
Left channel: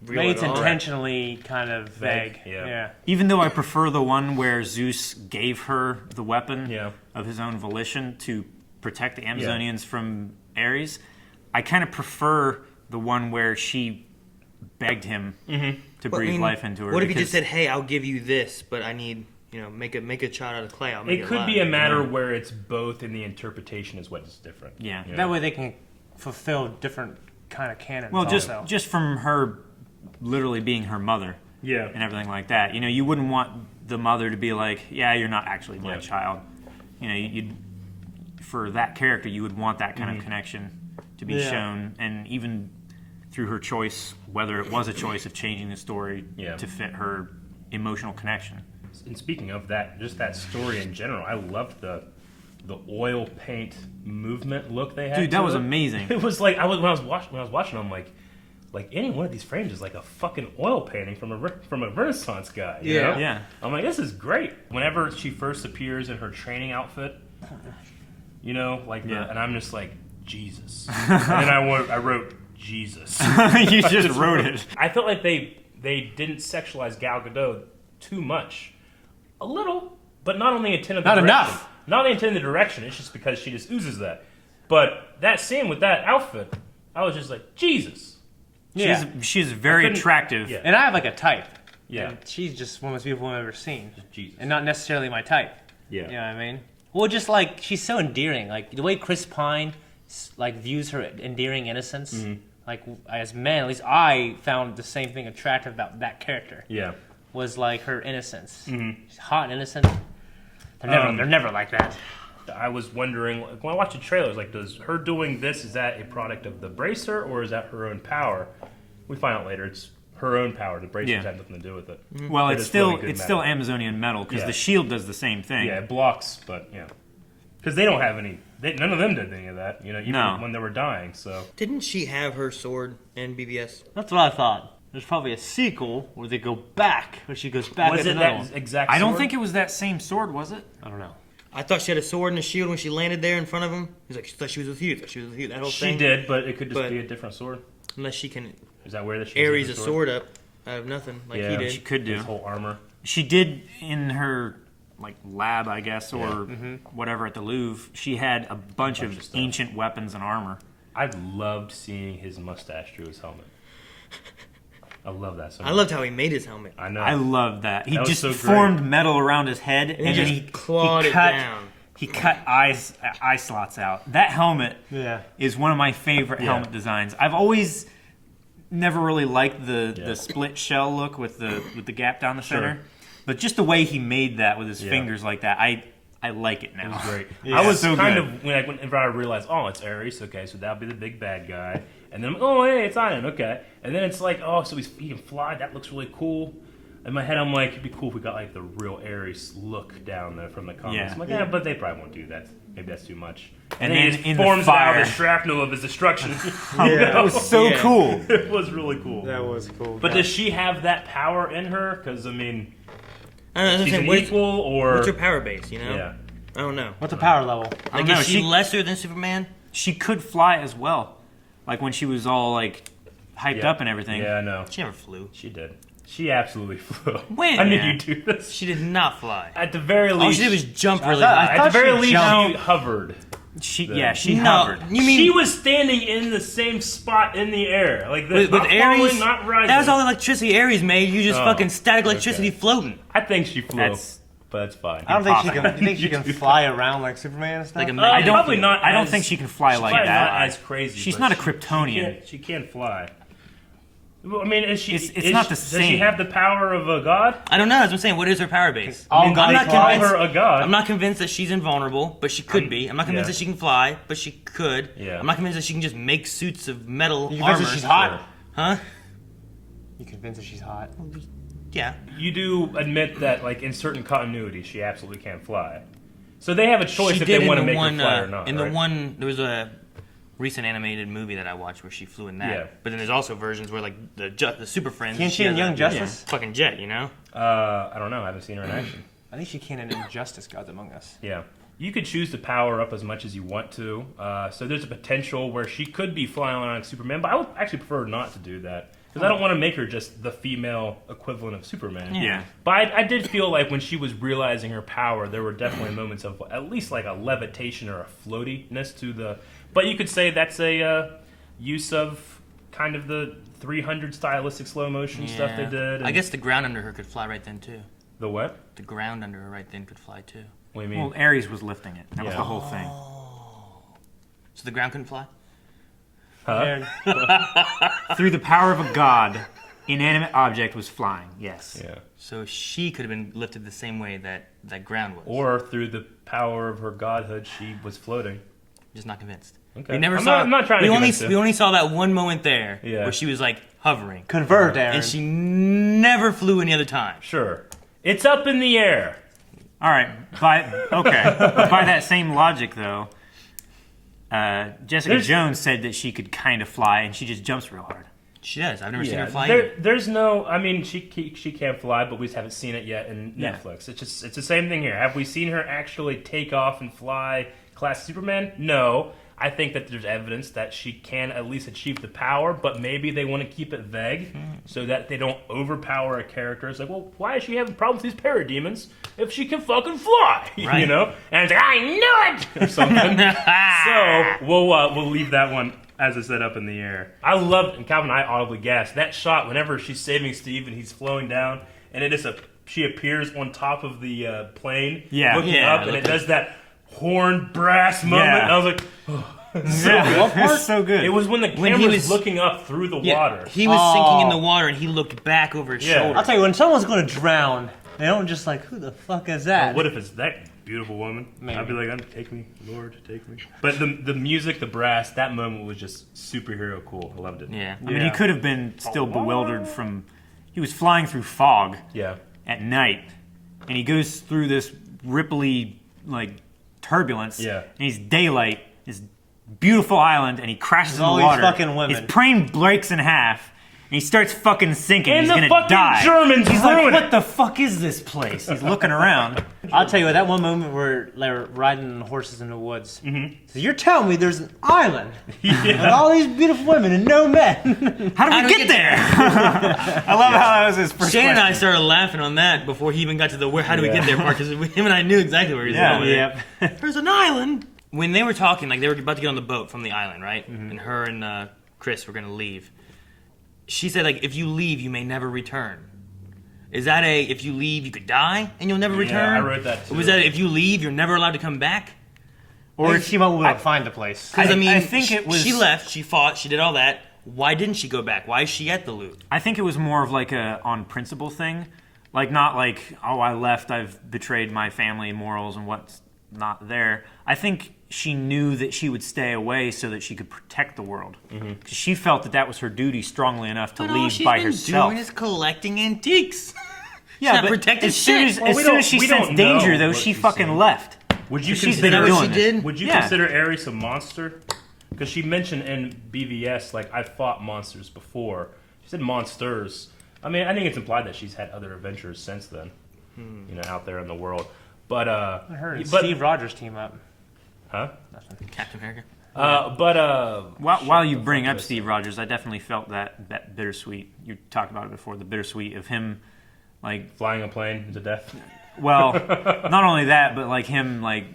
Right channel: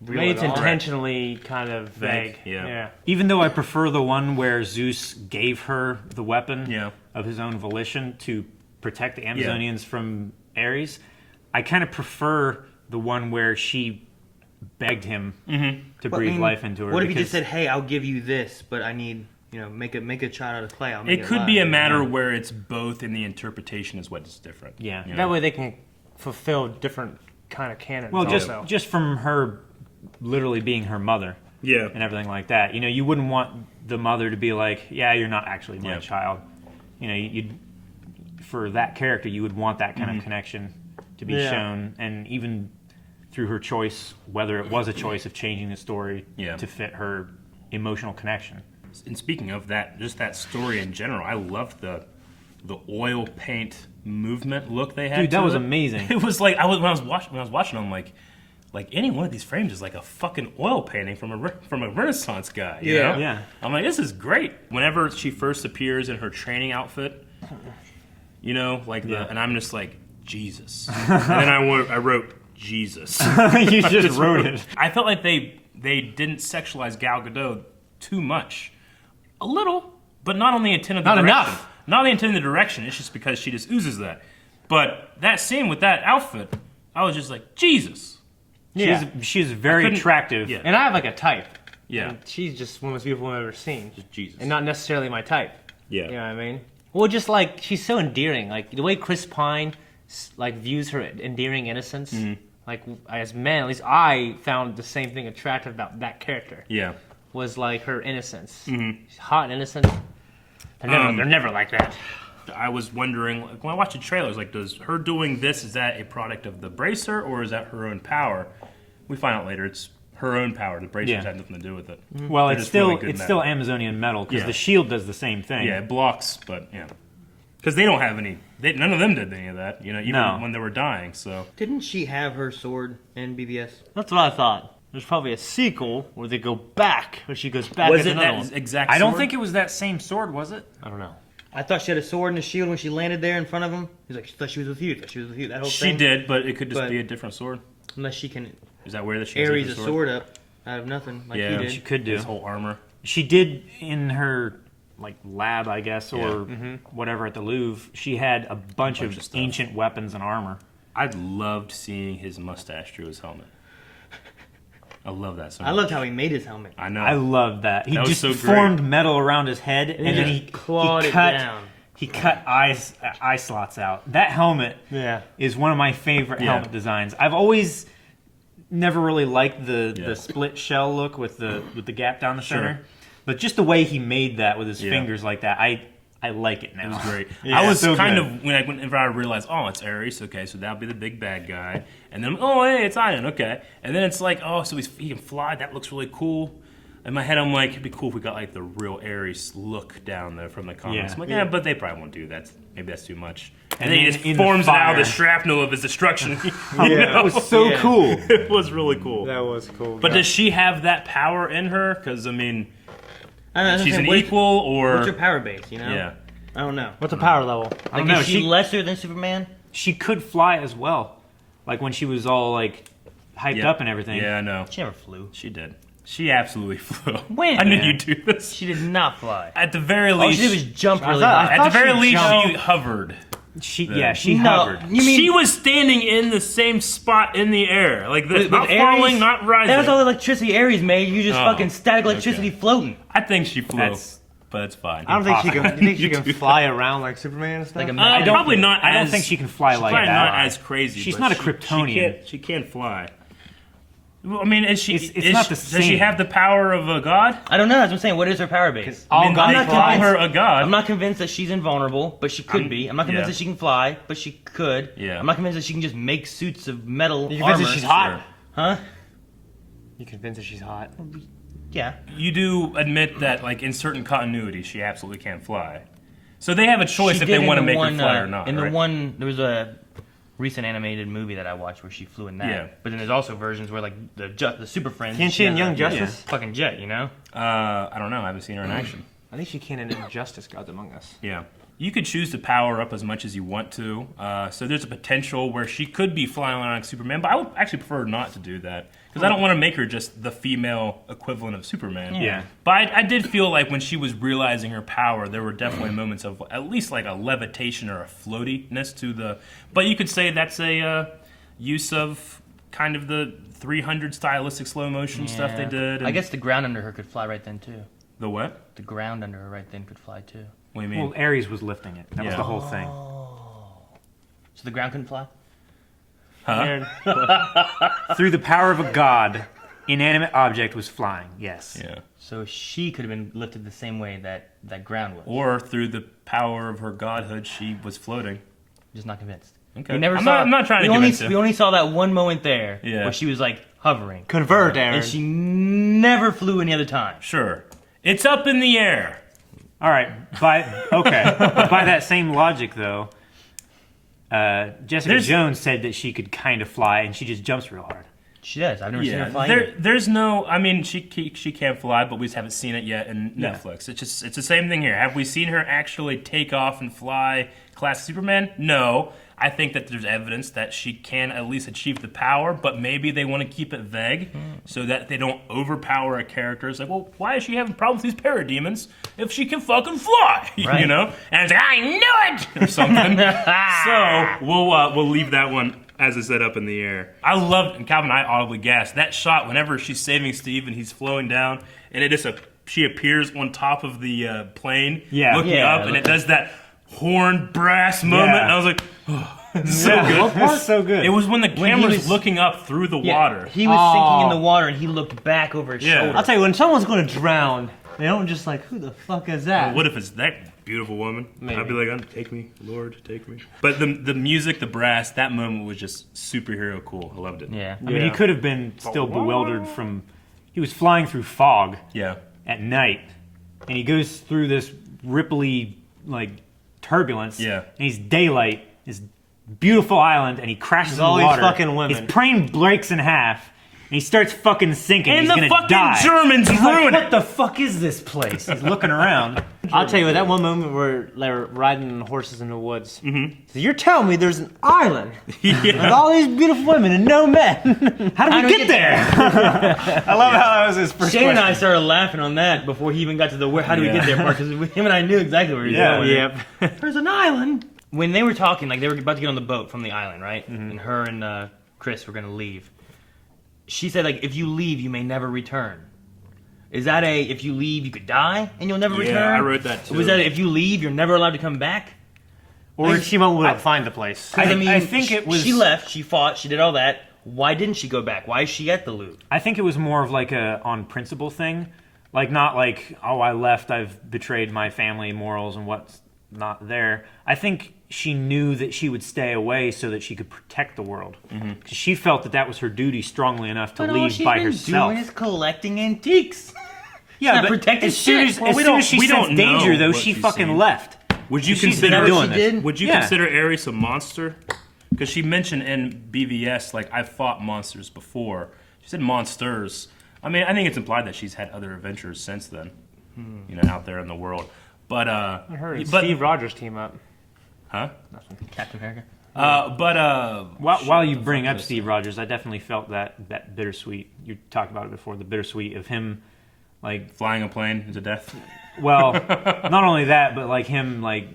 Real Maybe at it's all. intentionally kind of vague. Yeah. Even though I prefer the one where Zeus gave her the weapon Yeah. of his own volition to protect the Amazonians from Ares, I kind of prefer the one where she begged him to But, I breathe mean, life into her. What if he just because- said, "Hey, I'll give you this, but I need make a child out of clay. I'll make It could be a alive." matter where it's both, and the interpretation is what's different. Yeah. That way they can fulfill different kind of canons Well, also. just from her literally being her mother Yeah. and everything like that. You wouldn't want the mother to be like, "Yeah, you're not actually my Yeah. child." You'd for that character, you would want that kind of connection to be Yeah. shown, and even through her choice, whether it was a choice of changing the story Yeah. to fit her emotional connection. And speaking of that, just that story in general, I loved the oil paint movement look they had. Dude, that to was it. amazing. It was like when I was watching, I'm like any one of these frames is like a fucking oil painting from a Renaissance guy. You Yeah. know? Yeah. I'm like, this is great. Whenever she first appears in her training outfit, Yeah. and I'm just like Jesus, and then I wrote Jesus. You just wrote it. I felt like they didn't sexualize Gal Gadot too much. A little, but not on the intended Not direction. enough. Not on the intended direction. It's just because she just oozes that. But that scene with that outfit, I was just like, Jesus. yeah. She's very couldn't- attractive. Yeah. And I have like a type. Yeah. And she's just one of the most beautiful I've ever seen. Jesus. And not necessarily my type. Yeah. You know what I mean? Well, just like, she's so endearing. Like, the way Chris Pine, like, views her endearing innocence, like, as men, at least I found the same thing attractive about that character. Yeah. Was, like, her innocence. She's hot and innocent. They're never like that. I was wondering, like, when I watched the trailers, like, does her doing this, is that a product of the bracer, or is that her own power? We find out later it's her own power. The bracers had nothing to do with it. Well, But it's still really still Amazonian metal because the shield does the same thing. Yeah, it blocks, but yeah. Because they don't have any, none of them did any of that, you know, even when they were dying, so. Didn't she have her sword in BBS? That's what I thought. There's probably a sequel where they go back, or she goes back Was as it another that one. exact I don't sword? think it was that same sword, was it? I don't know. I thought she had a sword and a shield when she landed there in front of him. He's like, I thought she was with you. I thought she was with you. That whole She thing. did, but it could just be a different sword. Unless she can Is that where the Aries a sword up out of nothing, like Yeah, he did. She could do. His whole armor. She did in her like lab, I guess, or whatever at the Louvre. She had a bunch of stuff. ancient weapons and armor. I loved seeing his mustache through his helmet. I love that so much. I loved how he made his helmet. I know. I love that. He That was just so great. formed metal around his head and he then just clawed it cut down. he cut eye slots out. That helmet is one of my favorite helmet designs. I've always never really liked the split shell look with the gap down the center. But just the way he made that with his fingers like that, I like it now. It was great. Yeah, I was so kind good. of whenever I realized, oh, it's Aries. Okay, so that'll be the big bad guy. And then, oh, hey, it's Iron. Okay, and then it's like, oh, so he can fly. That looks really cool. In my head, I'm like, it'd be cool if we got like the real Aries look down there from the comics. Yeah. I'm like, yeah, but they probably won't do that. Maybe that's too much. And then then he just in the forms it out of fire. the shrapnel of his destruction. That was so cool. It was really cool. That was cool. But does she have that power in her? Because I mean, I don't know, she's an equal, or What's her power base, you know? yeah. I don't know. What's the power level? I Like, don't know. is she lesser than Superman? She could fly as well, like when she was all like hyped up and everything. Yeah, I know. She never flew. She did. She absolutely flew. When? I knew you'd do this. She did not fly. At the very All least, she did was jump I really thought- high. I at the very she least, jumped. she hovered. She No, hovered. you mean She was standing in the same spot in the air, like this, with not falling, not rising. That's all the electricity Aries made. You just fucking static electricity floating. I think she flew, That's- but that's fine. I don't think she can. You think she can fly around like Superman and stuff? Like a I I don't, probably not. I don't as- think she can fly she's like probably that. Not as crazy. She's but not a she Kryptonian. She can fly. Well, I mean, It's not the Does she same. have the power of a god? I don't know. That's what I'm saying. What is her power base? all I'm God not flies. calling her a god. I'm not convinced that she's invulnerable, but she could be. I'm not convinced that she can fly, but she could. Yeah. I'm not convinced that she can just make suits of metal You armor. convinced that she's hot? Huh? You convinced that she's hot? Yeah. You do admit that, like, in certain continuities, she absolutely can't fly. So they have a choice She if did they in want to the make one, her fly or not. In right? the one, there was a recent animated movie that I watched where she flew in that. Yeah. But then there's also versions where like the Super Friends. Can't she in has Young a Justice? Fucking jet, you know. I don't know. I haven't seen her in action. I think she can in Injustice, Gods Among Us. Yeah. You could choose to power up as much as you want to. So there's a potential where she could be flying around like Superman, but I would actually prefer not to do that. Because I don't want to make her just the female equivalent of Superman. Yeah. But I did feel like when she was realizing her power, there were definitely moments of at least like a levitation or a floatiness to the... But you could say that's a use of kind of the 300 stylistic slow motion stuff they did. I guess the ground under her could fly right then too. The what? The ground under her right then could fly too. What do you mean? Well, Aries was lifting it. That was Yeah. the whole thing. So the ground couldn't fly. And Through the power of a god, inanimate object was flying. Yes. Yeah. So she could have been lifted the same way that ground was. Or through the power of her godhood, she was floating. Just not convinced. Okay. We never I'm saw. not- I'm not trying to we only convince you. we only saw that one moment there Yeah. where she was like hovering, convert, Aaron. and she never flew any other time. Sure. It's up in the air. All right. By that same logic, though, Jessica Jones said that she could kind of fly, and she just jumps real hard. She does. I've never seen her fly. There's no. I mean, she can't fly, but we just haven't seen it yet in Yeah. Netflix. It's the same thing here. Have we seen her actually take off and fly class Superman? No. I think that there's evidence that she can at least achieve the power, but maybe they want to keep it vague so that they don't overpower a character. It's like, well, why is she having problems with these parademons if she can fucking fly? Right. You know? And it's like, I knew it! Or something. So we'll leave that one as it's set up in the air. I loved, and Calvin and I audibly gasped, that shot whenever she's saving Steve and he's flowing down, and it is she appears on top of the plane, Yeah. looking Yeah, up, and it does that horn brass moment, Yeah. and I was like, That's so good. it was when the camera he was was- looking up through the water. He was sinking in the water, and he looked back over his Yeah. shoulder. I'll tell you, when someone's going to drown, they don't just like, who the fuck is that? What if it's that beautiful woman. Maybe. I'd be like, take me, Lord, take me. But the music, the brass, that moment was just superhero cool. I loved it. Yeah. I mean, he could have been still bewildered from. He was flying through fog Yeah. at night, and he goes through this ripply like turbulence. Yeah. And he's daylight, this beautiful island, and he crashes in all the these water. fucking women. His plane breaks in half, and he starts fucking sinking. And he's the gonna fucking die. Germans He's like, ruin what it. the fuck is this place? He's looking around. I'll tell you what, that one moment where they're riding on horses in the woods. So you're telling me there's an island with all these beautiful women and no men. How did we get there? I love how that was his first Shane and I question. started laughing on that before he even got to the how do we get there part, because him and I knew exactly where he was going. Yep. There's an island. When they were talking, like they were about to get on the boat from the island, right? And her and Chris were gonna leave. She said, like, if you leave, you may never return. Is that if you leave, you could die and you'll never return? I wrote that too. Or was that if you leave, you're never allowed to come back? Or she won't be able to find the place. I mean, I think it was. She left, she fought, she did all that. Why didn't she go back? Why is she at the loop? I think it was more of like a on principle thing, like not like, oh, I left, I've betrayed my family morals and what's not there. I think she knew that she would stay away so that she could protect the world. She felt that was her duty strongly enough to leave by herself. Doing is collecting antiques. Yeah, not but protecting as soon as, shit. as, soon as she we sensed don't danger, know though, what she she's fucking seen. left. Would you She's consider been what doing she it. did? Would you Yeah. consider Aries a monster? Because she mentioned in BVS, like, I've fought monsters before. She said monsters. I mean, I think it's implied that she's had other adventures since then, out there in the world. But Her and but- Steve Rogers team up. huh? Captain America. While you bring up Steve Rogers, I definitely felt that bittersweet. You talked about it before, the bittersweet of him, like, Flying a plane to death. well, not only that, but like him, like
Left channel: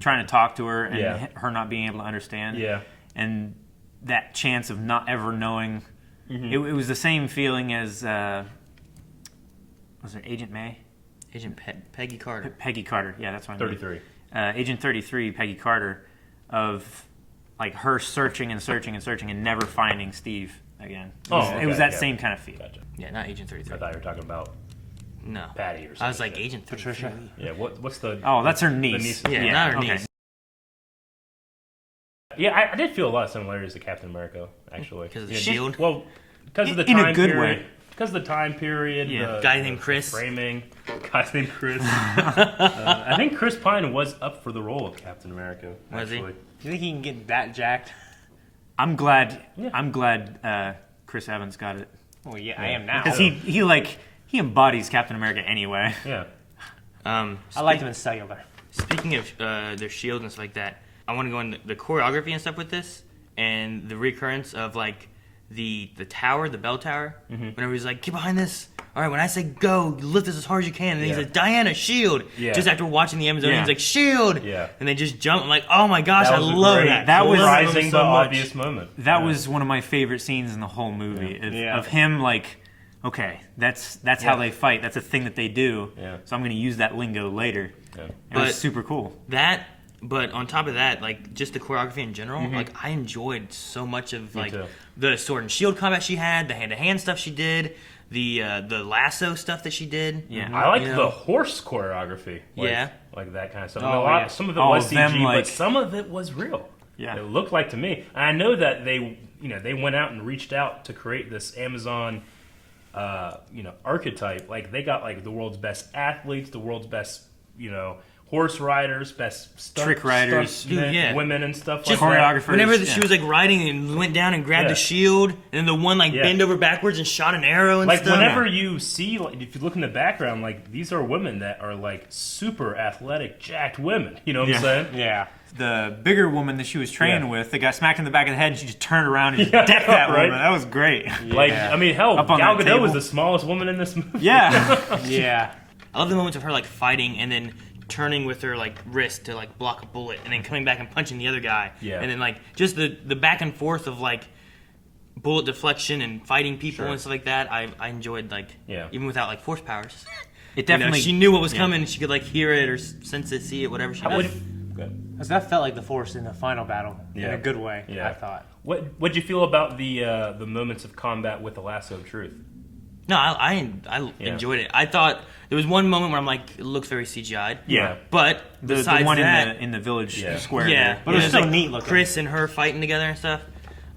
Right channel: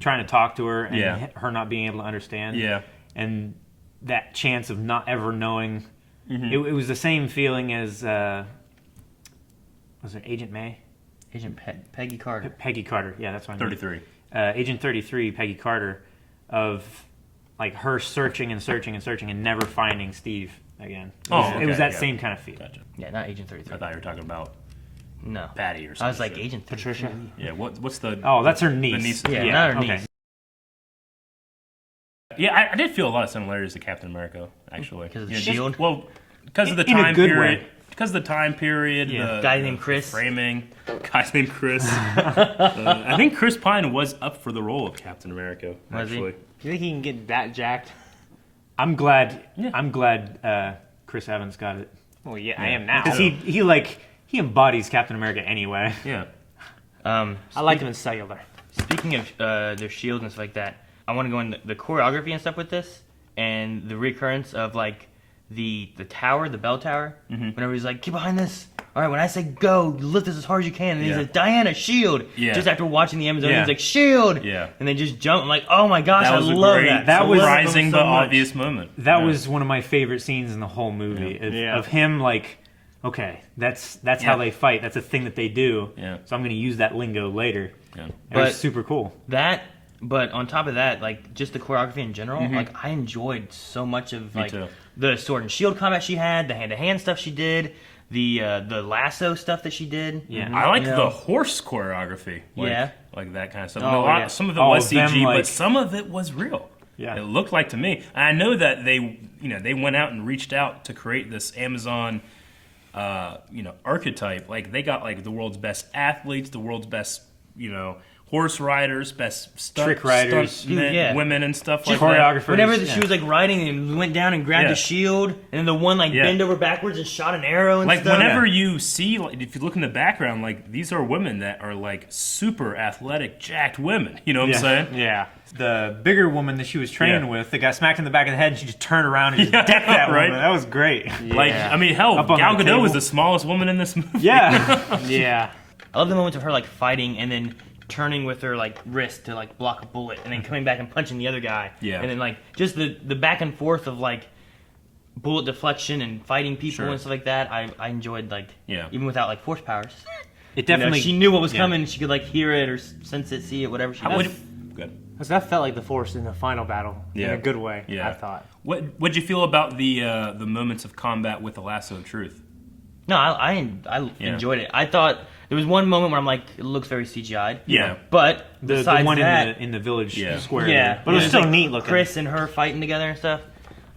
trying to talk to her and Yeah. her not being able to understand. Yeah. And that chance of not ever knowing. It was the same feeling as was it Agent May? Agent Peggy Carter. Peggy Carter. Yeah, that's what I mean. 33. Agent 33, Peggy Carter, of like her searching and searching and searching and never finding Steve again. It was that same kind of feel. Gotcha. Yeah, not Agent 33. I thought you were talking about No. Patty or something. I was like Agent 33. Patricia. Yeah, what's the... Oh, that's her niece. niece. Yeah, not her okay. niece. Yeah, I did feel a lot of similarities to Captain America, actually. Because of the just- shield? well, because of the In a time good period. way. Because of the time period. Yeah. The, Guy named Chris. Framing. Guy's named Chris. I think Chris Pine was up for the role of Captain America, Was he? actually. You think he can get that jacked? I'm glad. Yeah. I'm glad Chris Evans got it Well, yeah, I am now. because he embodies Captain America anyway. Yeah. I liked him in Cellular. Speaking of their shield and stuff like that, I want to go into the choreography and stuff with this, and the recurrence of like the tower, the bell tower. Whenever he's like, "Get behind this." All right, when I say go, you lift this as hard as you can. And he's Yeah. like, "Diana, shield." Yeah. Just after watching the Amazonians, Yeah. like, "Shield." Yeah. And they just jump. I'm like, "Oh my gosh, That I was a love great, that." That was- surprising so but much. obvious moment. That was one of my favorite scenes in the whole movie Yeah. of him like, okay, that's how they fight. That's a thing that they do. Yeah. So I'm going to use that lingo later. Yeah. It But- was super cool. That, but on top of that, like just the choreography in general, like I enjoyed so much of like too. the sword and shield combat she had, the hand-to-hand stuff she did, the lasso stuff that she did. Yeah. I like You the know? horse choreography. Like, Yeah. Like that kind of stuff. Oh, yeah. Some of it Oh, was them, CG, like- but some of it was real. Yeah. It looked like to me. And I know that they went out and reached out to create this Amazon, archetype. Like they got like the world's best athletes, the world's best, horse riders, best Trick riders. stunt Yeah. women and stuff Just like that. choreographers. Whenever yeah. she was like riding and went down and grabbed Yeah. the shield, and then the one like Yeah. bend over backwards and shot an arrow and Like stuff. whenever you see, like, if you look in the background, like these are women that are like super athletic, jacked women. You know what I'm Yeah. saying? Yeah. The bigger woman that she was training Yeah. with that got smacked in the back of the head and she just turned around and just Yeah, decked that right. woman. That was great. Like, Yeah. I mean, hell, Up on Gal that Gadot table. was the smallest woman in this movie. Yeah. Yeah. I love the moments of her like fighting and then turning with her like wrist to like block a bullet and then coming back and punching the other guy. Yeah. And then like just the back and forth of like bullet deflection and fighting people Sure. and stuff like that. I enjoyed like Yeah. even without like force powers. It definitely. she knew what was yeah. coming. She could like hear it or sense it, see it, whatever she did. Good. Because that felt like the Force in the final battle in Yeah. a good way. Yeah. I thought. What'd you feel about the moments of combat with the lasso of truth? No, I enjoyed it. I thought there was one moment where I'm like, it looks very CGI'd. Yeah. But The besides one that, in the village square. yeah, there. But it was still like neat looking. Chris and her fighting together and stuff.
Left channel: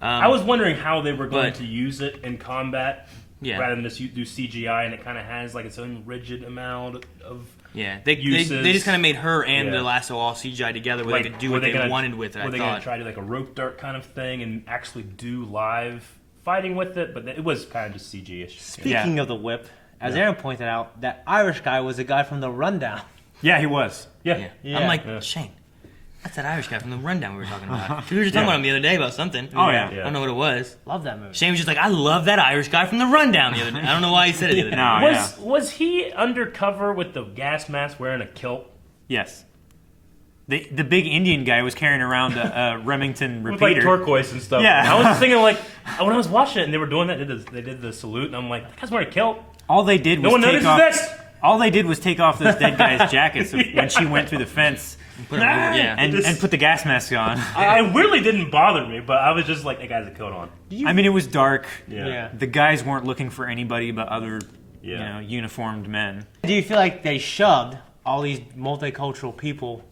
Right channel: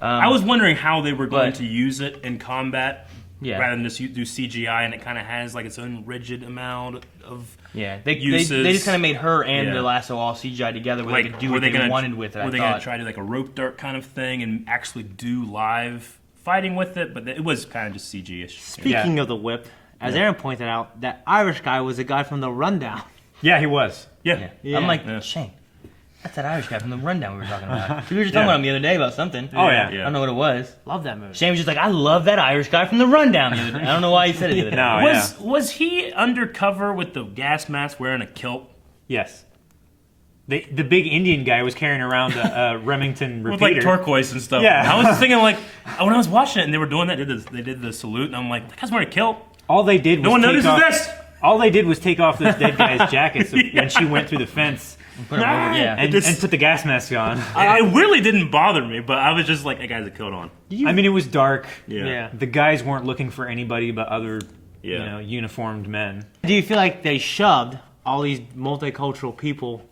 I was wondering how they were going but- to use it in combat, Yeah. rather than just do CGI, and it kind of has like its own rigid amount of Yeah, they uses. just kind of made her and Yeah. the lasso all CGI together where they could do were what they gonna- wanted with it. Were I they going thought. to try to like a rope dart kind of thing and actually do live fighting with it? But it was kind of just CG-ish. Speaking of the whip, as Aaron pointed out, that Irish guy was the guy from the Rundown. Yeah, he was. Yeah. Yeah. I'm like, Yeah. Shane, that's that Irish guy from the Rundown we were talking about. We were just talking about him the other day about something. Oh, yeah. I don't know what it was. Love that movie. Shane was just like, I love that Irish guy from the Rundown the other day. I don't know why he said it the other day. No, Was he undercover with the gas mask wearing a kilt? Yes. The big Indian guy was carrying around a Remington With repeater. like turquoise and stuff. Yeah. I was thinking like, when I was watching it and they were doing that, they did the salute, and I'm like, that guy's wearing a kilt. All they did was No one take notices off. this. All they did was take off this dead guy's jacket when she went through the fence Put him over, yeah. and put the gas mask on. It really didn't bother me, but I was just like, that guy's a coat on. I mean, it was dark. Yeah. The guys weren't looking for anybody but other, Yeah. uniformed men. Do you feel like they shoved all these multicultural people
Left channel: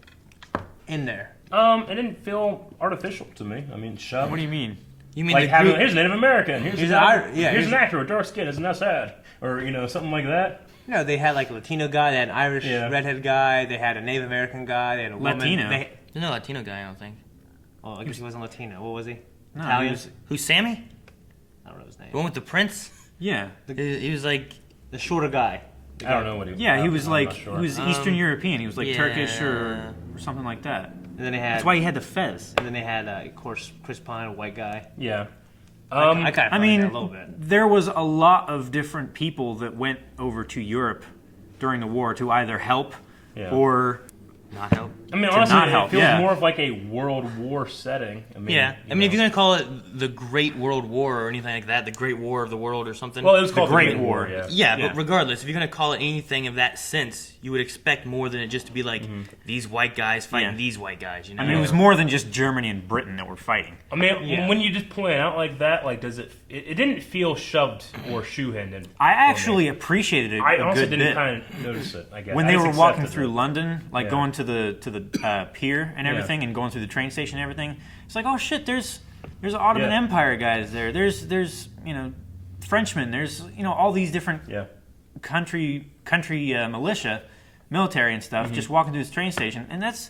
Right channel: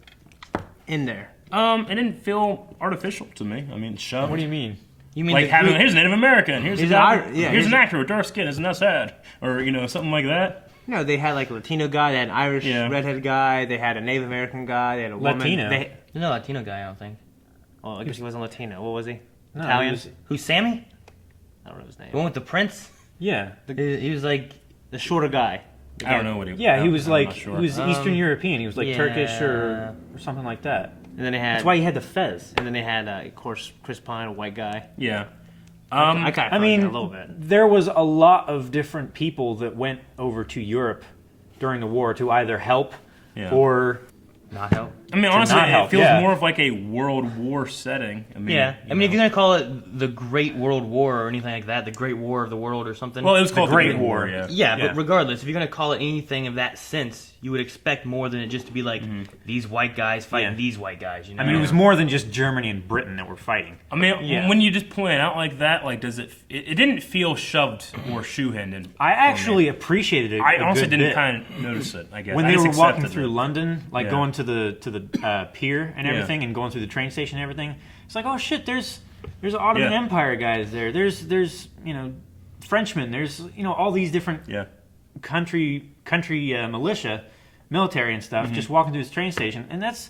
in there? It didn't feel artificial to me. I mean, shoved. What do you mean? You mean Like the having, group? here's a Native American, here's Here's a an guy, Ir- yeah, here's an here's- actor with dark skin, isn't that sad? Or, something like that. No, they had like a Latino guy, they had an Irish Yeah. redhead guy, they had a Native American guy, they had a woman. Latino. They, There's no Latino guy, I don't think. oh, I guess he wasn't Latino. What was he? No, Italian? he was- Who's Sammy? I don't know his name. The one with the prince? yeah. He was like, The shorter guy. The I don't guy- know what he was. Yeah, he was I'm like, not sure. he was Eastern European. He was like yeah. Turkish or something like that. And then they had. That's why he had the fez. And then they had, of course, Chris Pine, a white guy. Yeah. I kind of I mean, that a little bit. there was a lot of different people that went over to Europe during the war to either help Yeah. or not help. I mean, honestly, not it help, feels yeah. more of like a World War setting. I mean, Yeah, I mean, if you're gonna call it the Great World War or anything like that, the Great War of the World or something. Well, it was called Great War. Yeah. yeah, yeah. but regardless, if you're gonna call it anything of that sense, you would expect more than it just to be like these white guys fighting Yeah. these white guys. You know, I mean, it was more than just Germany and Britain that were fighting. I mean, Yeah. when you just point it out like that, like, does it? It didn't feel shoved or shoe-handed. I actually appreciated it I a honestly good didn't bit. kind of notice it. I guess When I they just were walking accepted through it. London, like Yeah. going to the pier and everything, and going through the train station and everything, it's like, oh shit, there's Ottoman Yeah. Empire guys there. There's Frenchmen. There's all these different Yeah. country militia, military and stuff, just walking through this train station, and that's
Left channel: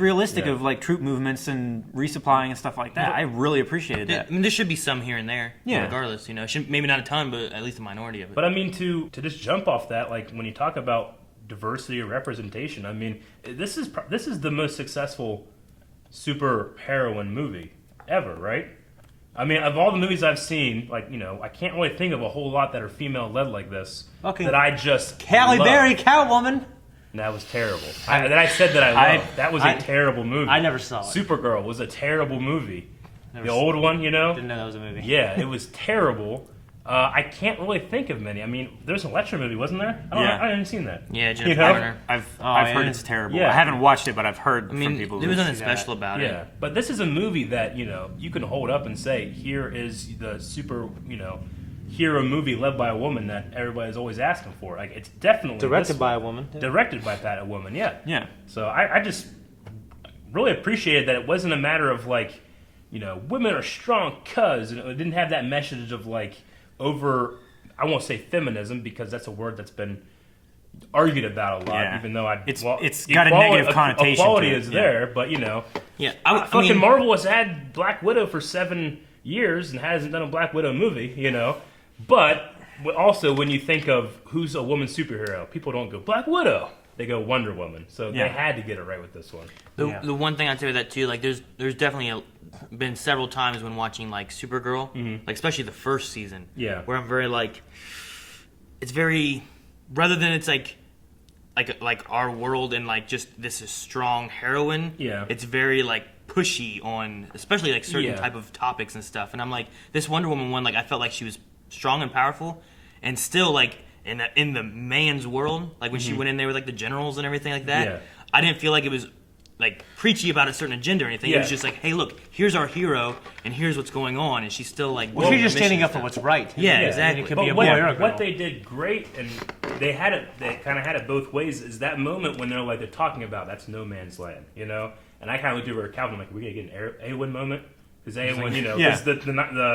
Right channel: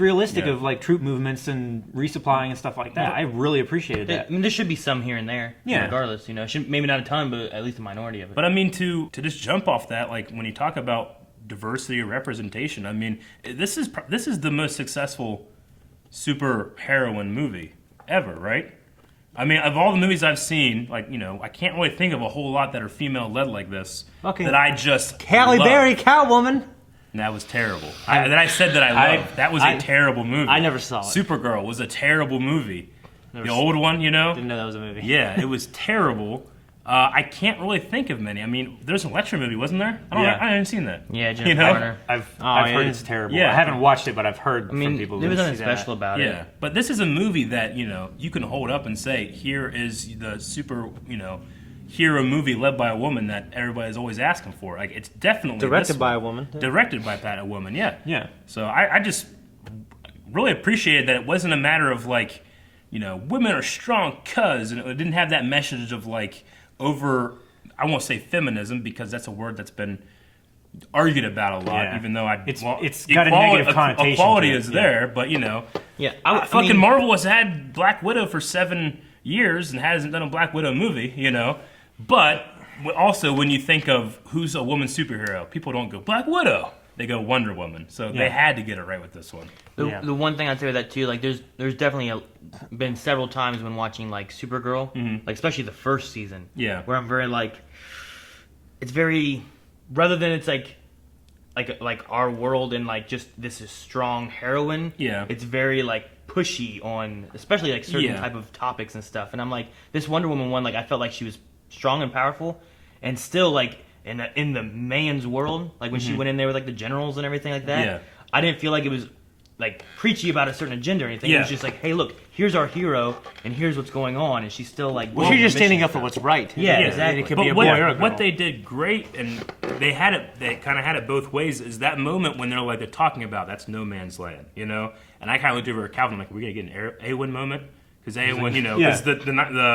realistic Yeah. of like troop movements and resupplying and stuff like that. I really appreciated I that. mean, there should be some here and there. Yeah. Regardless, maybe not a ton, but at least a minority of it. But I mean, to just jump off that, like when you talk about diversity or representation, I mean, this is the most successful super heroine movie ever, right? I mean, of all the movies I've seen, like I can't really think of a whole lot that are female led like this. Fucking that I just Halle love. Berry, Catwoman. And that was terrible. That I said that I loved. That was a terrible movie. I never saw it. Supergirl was a terrible movie. Never The saw old one, Didn't know that was a movie. Yeah, it was terrible. I can't really think of many. I mean, there was an Electra movie, wasn't there? Yeah. I haven't seen that. yeah, Jennifer You know? Garner. I've yeah. heard it's terrible. Yeah. I haven't watched it, but I've heard I mean, from people. there was who- nothing special about it. Yeah, but this is a movie that you can hold up and say, here is the super hero movie led by a woman that everybody's always asking for. Like, it's definitely Directed this by a woman. one. Directed by a woman. Yeah. Yeah. So I just really appreciated that it wasn't a matter of like, women are strong cuz, and it didn't have that message of like over. I won't say feminism because that's a word that's been argued about a lot. Yeah. Even though It's got a negative connotation Equality to it, is yeah. there, but Yeah, fucking Marvel has had Black Widow for 7 years and hasn't done a Black Widow movie, But also, when you think of who's a woman superhero, people don't go Black Widow; they go Wonder Woman. So Yeah. they had to get it right with this one. The one thing I'd say with that too, like there's definitely been several times when watching like Supergirl, like especially the first season, Yeah. where I'm very like, it's very rather than it's like our world and like just this is strong heroine. Yeah. It's very like pushy on especially like certain Yeah. type of topics and stuff. And I'm like this Wonder Woman one, like I felt like she was strong and powerful, and still like in the man's world, like when she went in there with like the generals and everything like that. Yeah. I didn't feel like it was like preachy about a certain agenda or anything. It was just like, hey, look, here's our hero, and here's what's going on, and she's still like. Well, she's just standing up for what's right. Yeah, exactly. It could But be a boy or a girl. what they did great, and they kind of had it both ways, is that moment when they're talking about that's no man's land, you know. And I kind of looked over at Calvin like, we're gonna get an Awen moment. Because Awen, you know, is the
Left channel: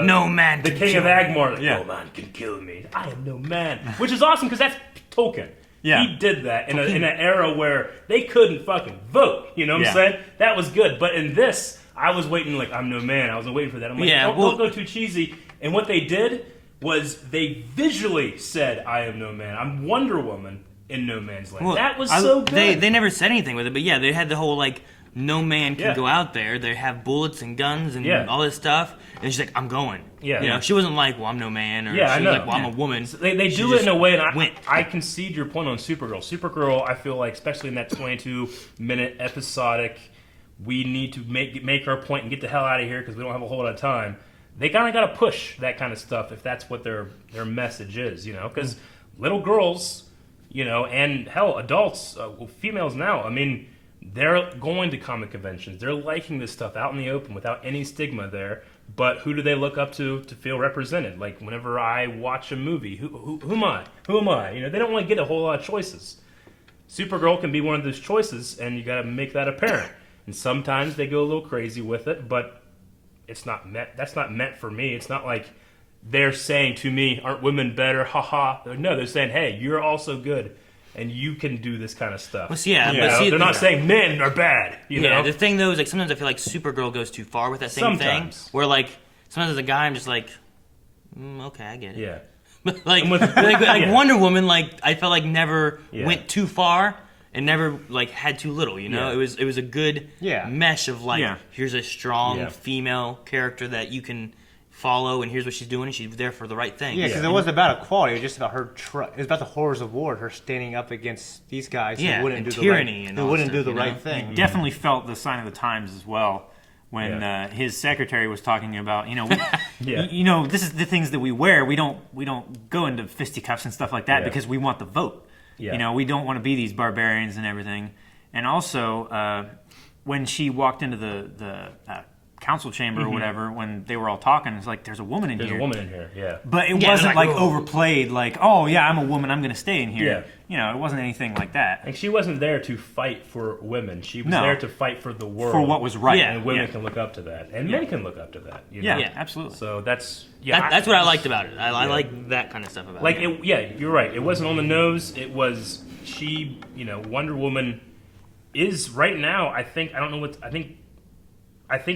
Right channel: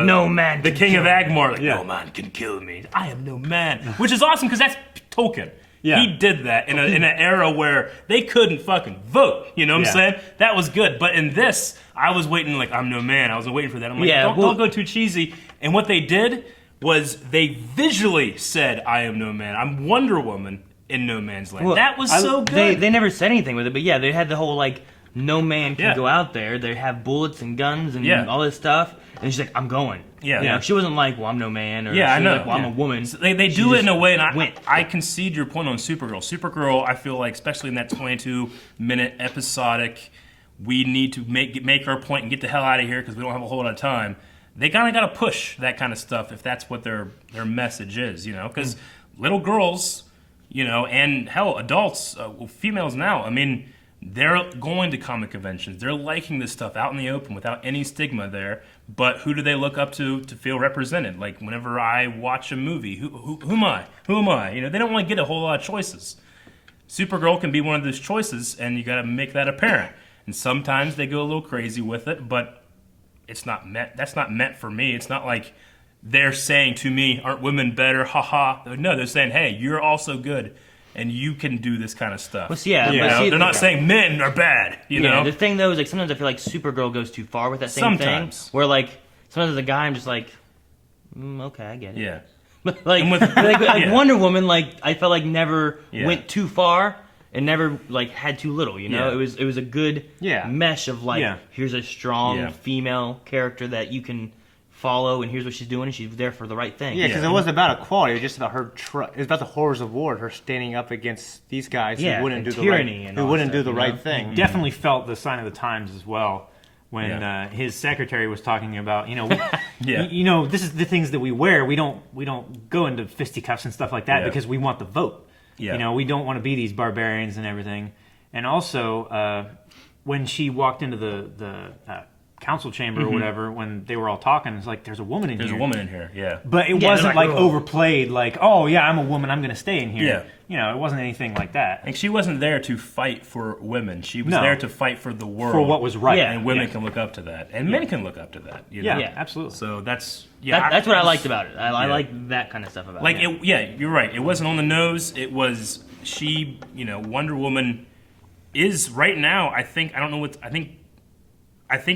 no man, the king of Agmar. Like, no man can kill me. I am no man, which is awesome because that's Tolkien. Yeah. He did that in an era where they couldn't fucking vote. You know what I'm saying? That was good. But in this, I was waiting like I'm no man. I was waiting for that. I'm like, don't go too cheesy. And what they did was they visually said, I am no man. I'm Wonder Woman in no man's land. Well, that was so good. They never said anything with it, but yeah, they had the whole like no man can go out there. They have bullets and guns and all this stuff. And she's like, I'm going. Yeah. You know, she wasn't like, well, I'm no man. Or I know. Like, well, I'm a woman. So they do it in a way, and I concede your point on Supergirl. Supergirl, I feel like, especially in that 22-minute episodic, we need to make our point and get the hell out of here because we don't have a whole lot of time. They kind of got to push that kind of stuff if that's what their message is, you know? Because little girls, you know, and hell, adults, females now, I mean, they're going to comic conventions. They're liking this stuff out in the open without any stigma there. But who do they look up to feel represented? Like whenever I watch a movie, who am I? Who am I? You know, they don't want to get a whole lot of choices. Supergirl can be one of those choices, and you got to make that apparent. And sometimes they go a little crazy with it, but it's not meant. That's not meant for me. It's not like they're saying to me, "Aren't women better?" Ha ha. No, they're saying, "Hey, you're also good." And you can do this kind of stuff. Well, they're not saying men are bad. You know. The thing though is like sometimes I feel like Supergirl goes too far with that same thing. Where like sometimes as a guy I'm just like, okay, I get it. Yeah. But like Wonder Woman, like I felt like never went too far and never like had too little. You know, it was a good mesh of like here's a strong female character that you can follow, and here's what she's doing, and she's there for the right thing. Yeah, because it wasn't about equality; it was just about her. It was about the horrors of war, her standing up against these guys who wouldn't do the right thing. You definitely felt the sign of the times as well when his secretary was talking about, you know, you know, this is the things that we wear. We don't go into fisticuffs and stuff like that because we want the vote. Yeah. You know, we don't want to be these barbarians and everything. And also, when she walked into the council chamber or whatever, when they were all talking, it's like, there's a woman in here. There's a woman in here, yeah. But it wasn't like overplayed, like, oh yeah, I'm a woman, I'm going to stay in here. Yeah. You know, it wasn't anything like that. And she wasn't there to fight for women. She was there to fight for the world. For what was right. Yeah. And women can look up to that. And men can look up to that. You know? Yeah, absolutely. So that's... that's what I liked about it. I like that kind of stuff about it. You're right. It wasn't on the nose. It was... She, you know, Wonder Woman is right now, I think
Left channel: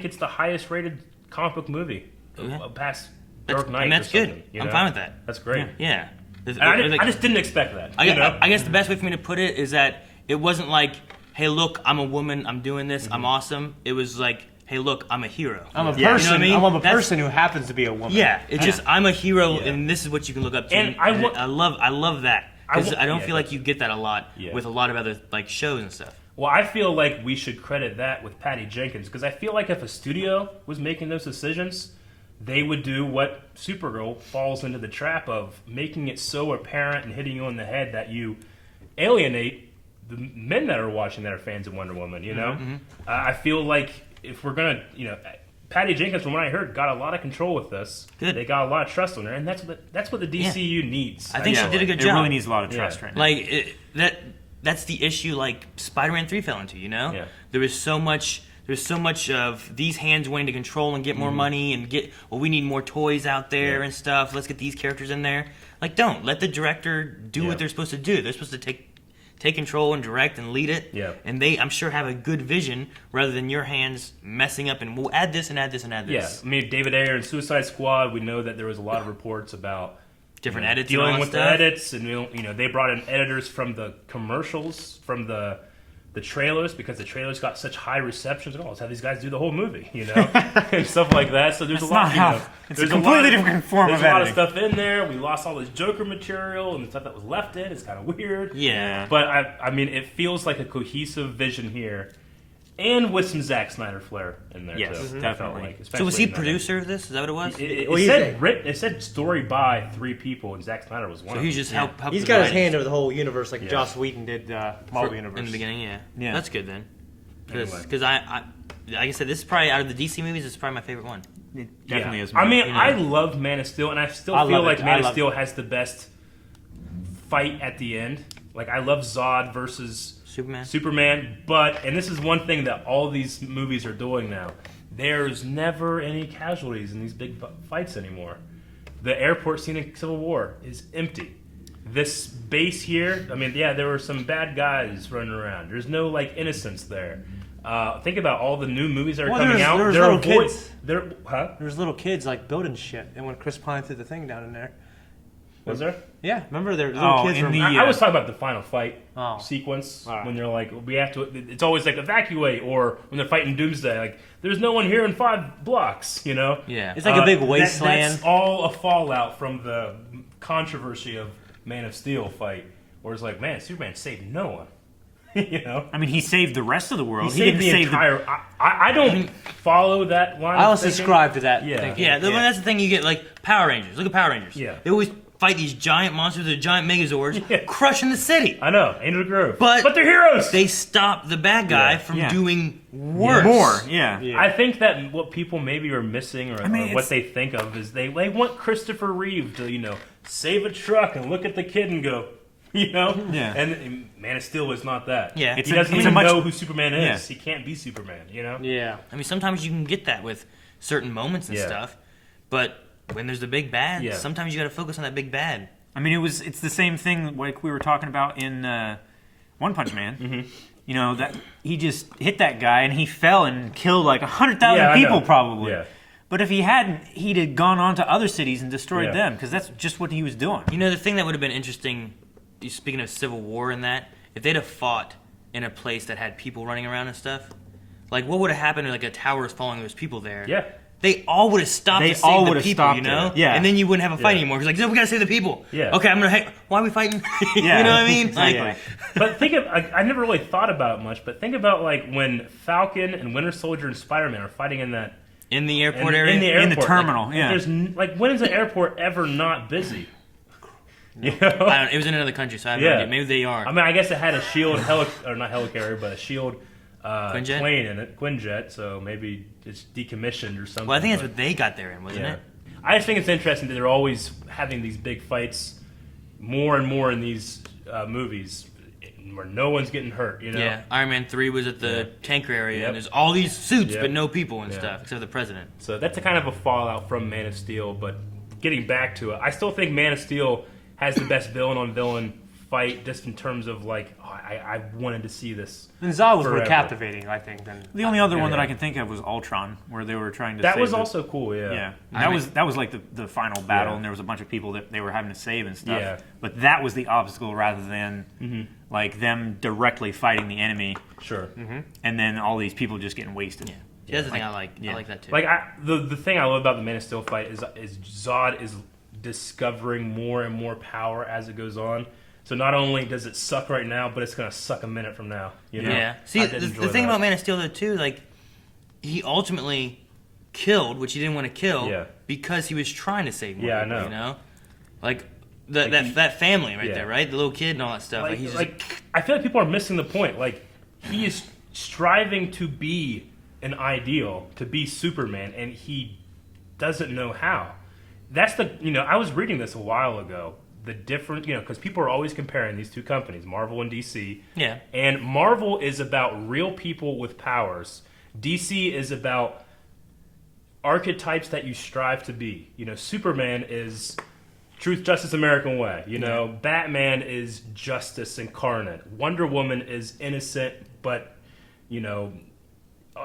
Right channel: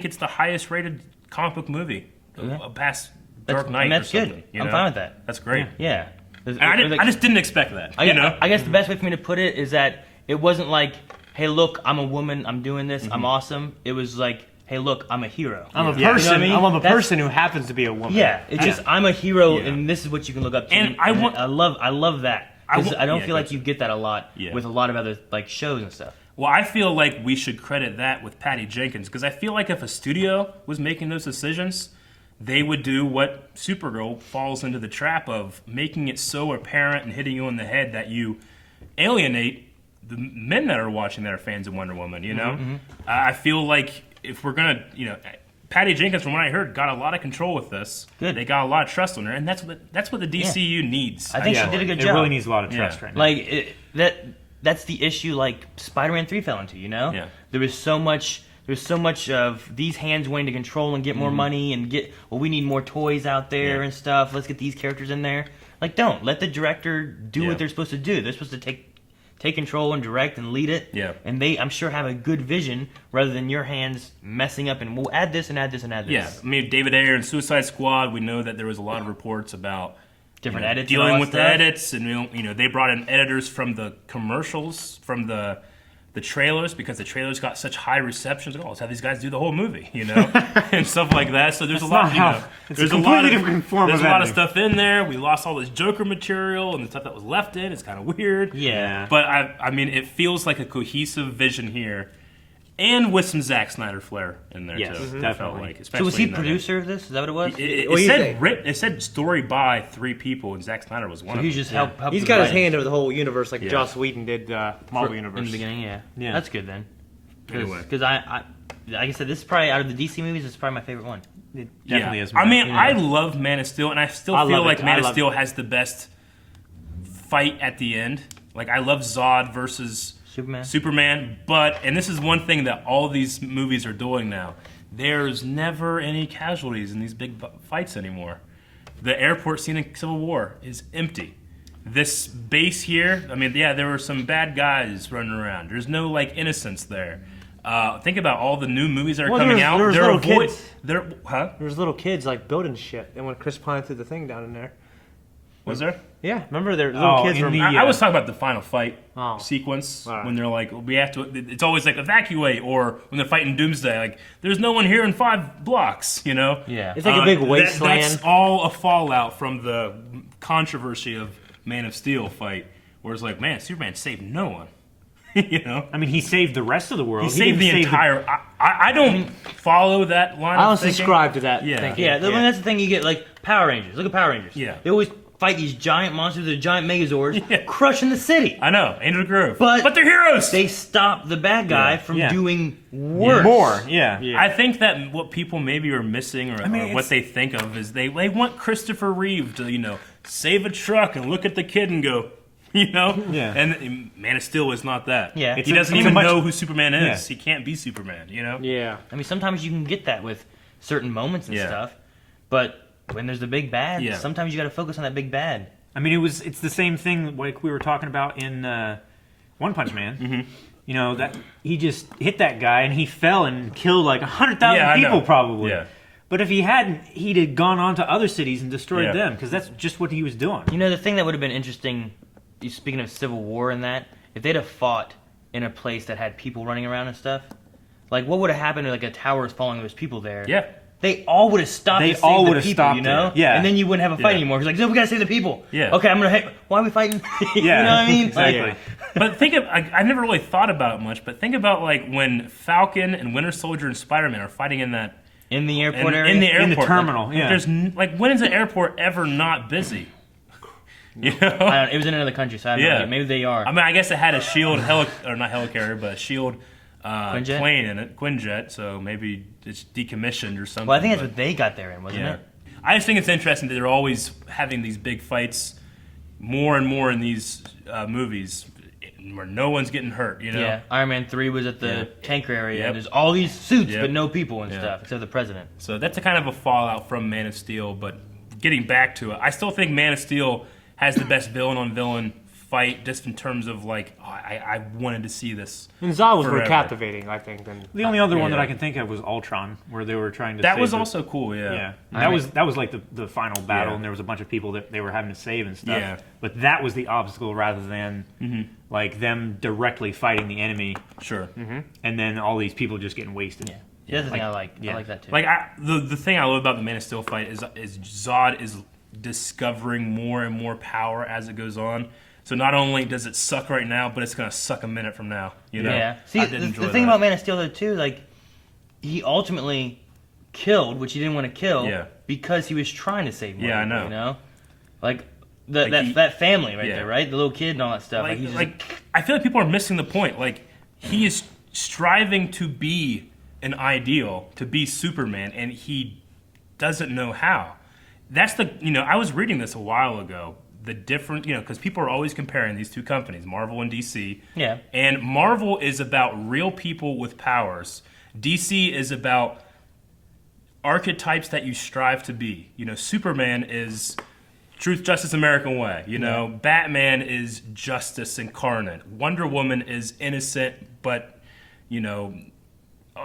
it's the highest rated comic book movie past Dark Knight. And that's good. I'm fine with that. That's great. Yeah. I just didn't expect that. I guess the best way for me to put it is that it wasn't like, hey, look, I'm a woman, I'm doing this, I'm awesome. It was like, hey, look, I'm a hero. I'm a person. You know what I mean? I'm a person who happens to be a woman. Yeah, it's just I'm a hero, and this is what you can look up to. And I love that. I don't feel like you get that a lot with a lot of other like shows and stuff. Well, I feel like we should credit that with Patty Jenkins, because I feel like if a studio was making those decisions, they would do what Supergirl falls into the trap of, making it so apparent and hitting you in the head that you alienate the men that are watching that are fans of Wonder Woman, you know? I feel like if we're going to, you know, Patty Jenkins, from what I heard, got a lot of control with this. Good. They got a lot of trust on her, and that's what the DCU needs. I think she did a good job. It really needs a lot of trust right now. Like, that's the issue, like, Spider-Man 3 fell into, you know? Yeah. There was so much of these hands wanting to control and get more money and we need more toys out there and stuff. Let's get these characters in there. Like, don't. Let the director do what they're supposed to do. They're supposed to take control and direct and lead it. Yeah. And they, I'm sure, have a good vision rather than your hands messing up and we'll add this and add this and add this. Yeah. I mean, David Ayer and Suicide Squad, we know that there was a lot of reports about different edits, dealing with the edits, and you know they brought in editors from the commercials, from the trailers, because the trailers got such high receptions. Oh, let's have these guys do the whole movie, you know, and stuff like that. So there's a lot. It's a completely different form of editing. There's a lot of stuff in there. We lost all this Joker material and the stuff that was left in. It's kind of weird. Yeah. But I mean, it feels like a cohesive vision here. And with some Zack Snyder flair in there, too. Definitely. Like, so was he producer of this? Is that what it was? It said story by 3 people, and Zack Snyder was one of them. He's just helped. He's got his hand over the whole universe like Joss Whedon did Marvel Universe. In the beginning, yeah. That's good then. Anyway. Because I, like I said, this is probably out of the DC movies. This is probably my favorite one. It definitely is. I mean, you know. I love Man of Steel, and I still I feel love like it. Man I of love Steel has the best fight at the end. Like, I love Zod versus Superman, but, and this is one thing that all these movies are doing now, there's never any casualties in these big fights anymore. The airport scene in Civil War is empty. This base here, I mean, yeah, there were some bad guys running around. There's no, like, innocence there. Think about all the new movies that are coming out. There's little kids. There's little kids, like, building shit. And when Chris Pine threw the thing down in there. Was there? Yeah, remember there little kids were... I was talking about the final fight sequence right. when they're like, we have to. It's always like evacuate, or when they're fighting Doomsday, like there's no one here in 5 blocks. You know? Yeah. It's like a big wasteland. That's all a fallout from the controversy of Man of Steel fight, where it's like, man, Superman saved no one. You know? I mean, he saved the rest of the world. He saved the entire. I don't follow that line. I don't of thinking. subscribe to that Yeah. thinking. Yeah, that's the thing you get, like Power Rangers. Look at Power Rangers. Yeah. They always fight these giant monsters, the giant Megazords, crushing the city. I know, Angel Grove. But they're heroes! They stop the bad guy from doing worse. More, yeah. I think that what people maybe are missing, or what they think of, is they want Christopher Reeve to, save a truck and look at the kid and go, Yeah. And Man of Steel is not that. Yeah. He doesn't even know who Superman is. He can't be Superman, Yeah. I mean, sometimes you can get that with certain moments and stuff, but when there's the big bad, sometimes you got to focus on that big bad. I mean, it's the same thing like we were talking about in One Punch Man. Mm-hmm. That he just hit that guy and he fell and killed like 100,000 people probably. Yeah. But if he hadn't, he'd have gone on to other cities and destroyed them, because that's just what he was doing. The thing that would have been interesting, speaking of Civil War and that, if they'd have fought in a place that had people running around and stuff, like what would have happened if like a tower was falling and there was people there? Yeah. They all would have stopped to save the people, Yeah. And then you wouldn't have a fight anymore. It's like, no, we gotta save the people. Yeah. Okay, why are we fighting? You know what I mean? Exactly. Like, But think of, I never really thought about it much, but think about like when Falcon and Winter Soldier and Spider-Man are fighting in that... in the airport area? In the airport. In the terminal, There's, when is the airport ever not busy? It was in another country, so I have no idea. Maybe they are. I mean, I guess it had a shield or not helicarrier, but a shield Quinjet? plane in it, Quinjet. So maybe it's decommissioned or something. Well, I think that's what they got there in, wasn't it? I just think it's interesting that they're always having these big fights, more and more in these movies, where no one's getting hurt. Yeah. Iron Man 3 was at the tanker area, and there's all these suits, but no people and stuff, except the president. So that's a kind of a fallout from Man of Steel. But getting back to it, I still think Man of Steel has the best villain-on-villain fight, just in terms of like, I wanted to see this. And Zod was more forever. captivating, I think. Than The only other one that I can think of was Ultron, where they were trying to That save was the- also cool, Yeah, that was like the final battle, and there was a bunch of people that they were having to save and stuff. Yeah. But that was the obstacle rather than like them directly fighting the enemy, Sure. and then all these people just getting wasted. Yeah. That's the thing I like. I like that too. Like the thing I love about the Man of Steel fight is Zod is discovering more and more power as it goes on. So not only does it suck right now, but it's gonna suck a minute from now. Yeah. See, I the did enjoy thing that. about Man of Steel though too, like he ultimately killed, which he didn't want to kill, because he was trying to save more Yeah, I people, know. Like that family right there, right? The little kid and all that stuff. Like, he's just I feel like people are missing the point. Like he is striving to be an ideal, to be Superman, and he doesn't know how. That's the I was reading this a while ago. The different because people are always comparing these two companies, Marvel and DC. Yeah. And Marvel is about real people with powers. DC is about archetypes that you strive to be. Superman is truth, justice, American way. Batman is justice incarnate. Wonder Woman is innocent, but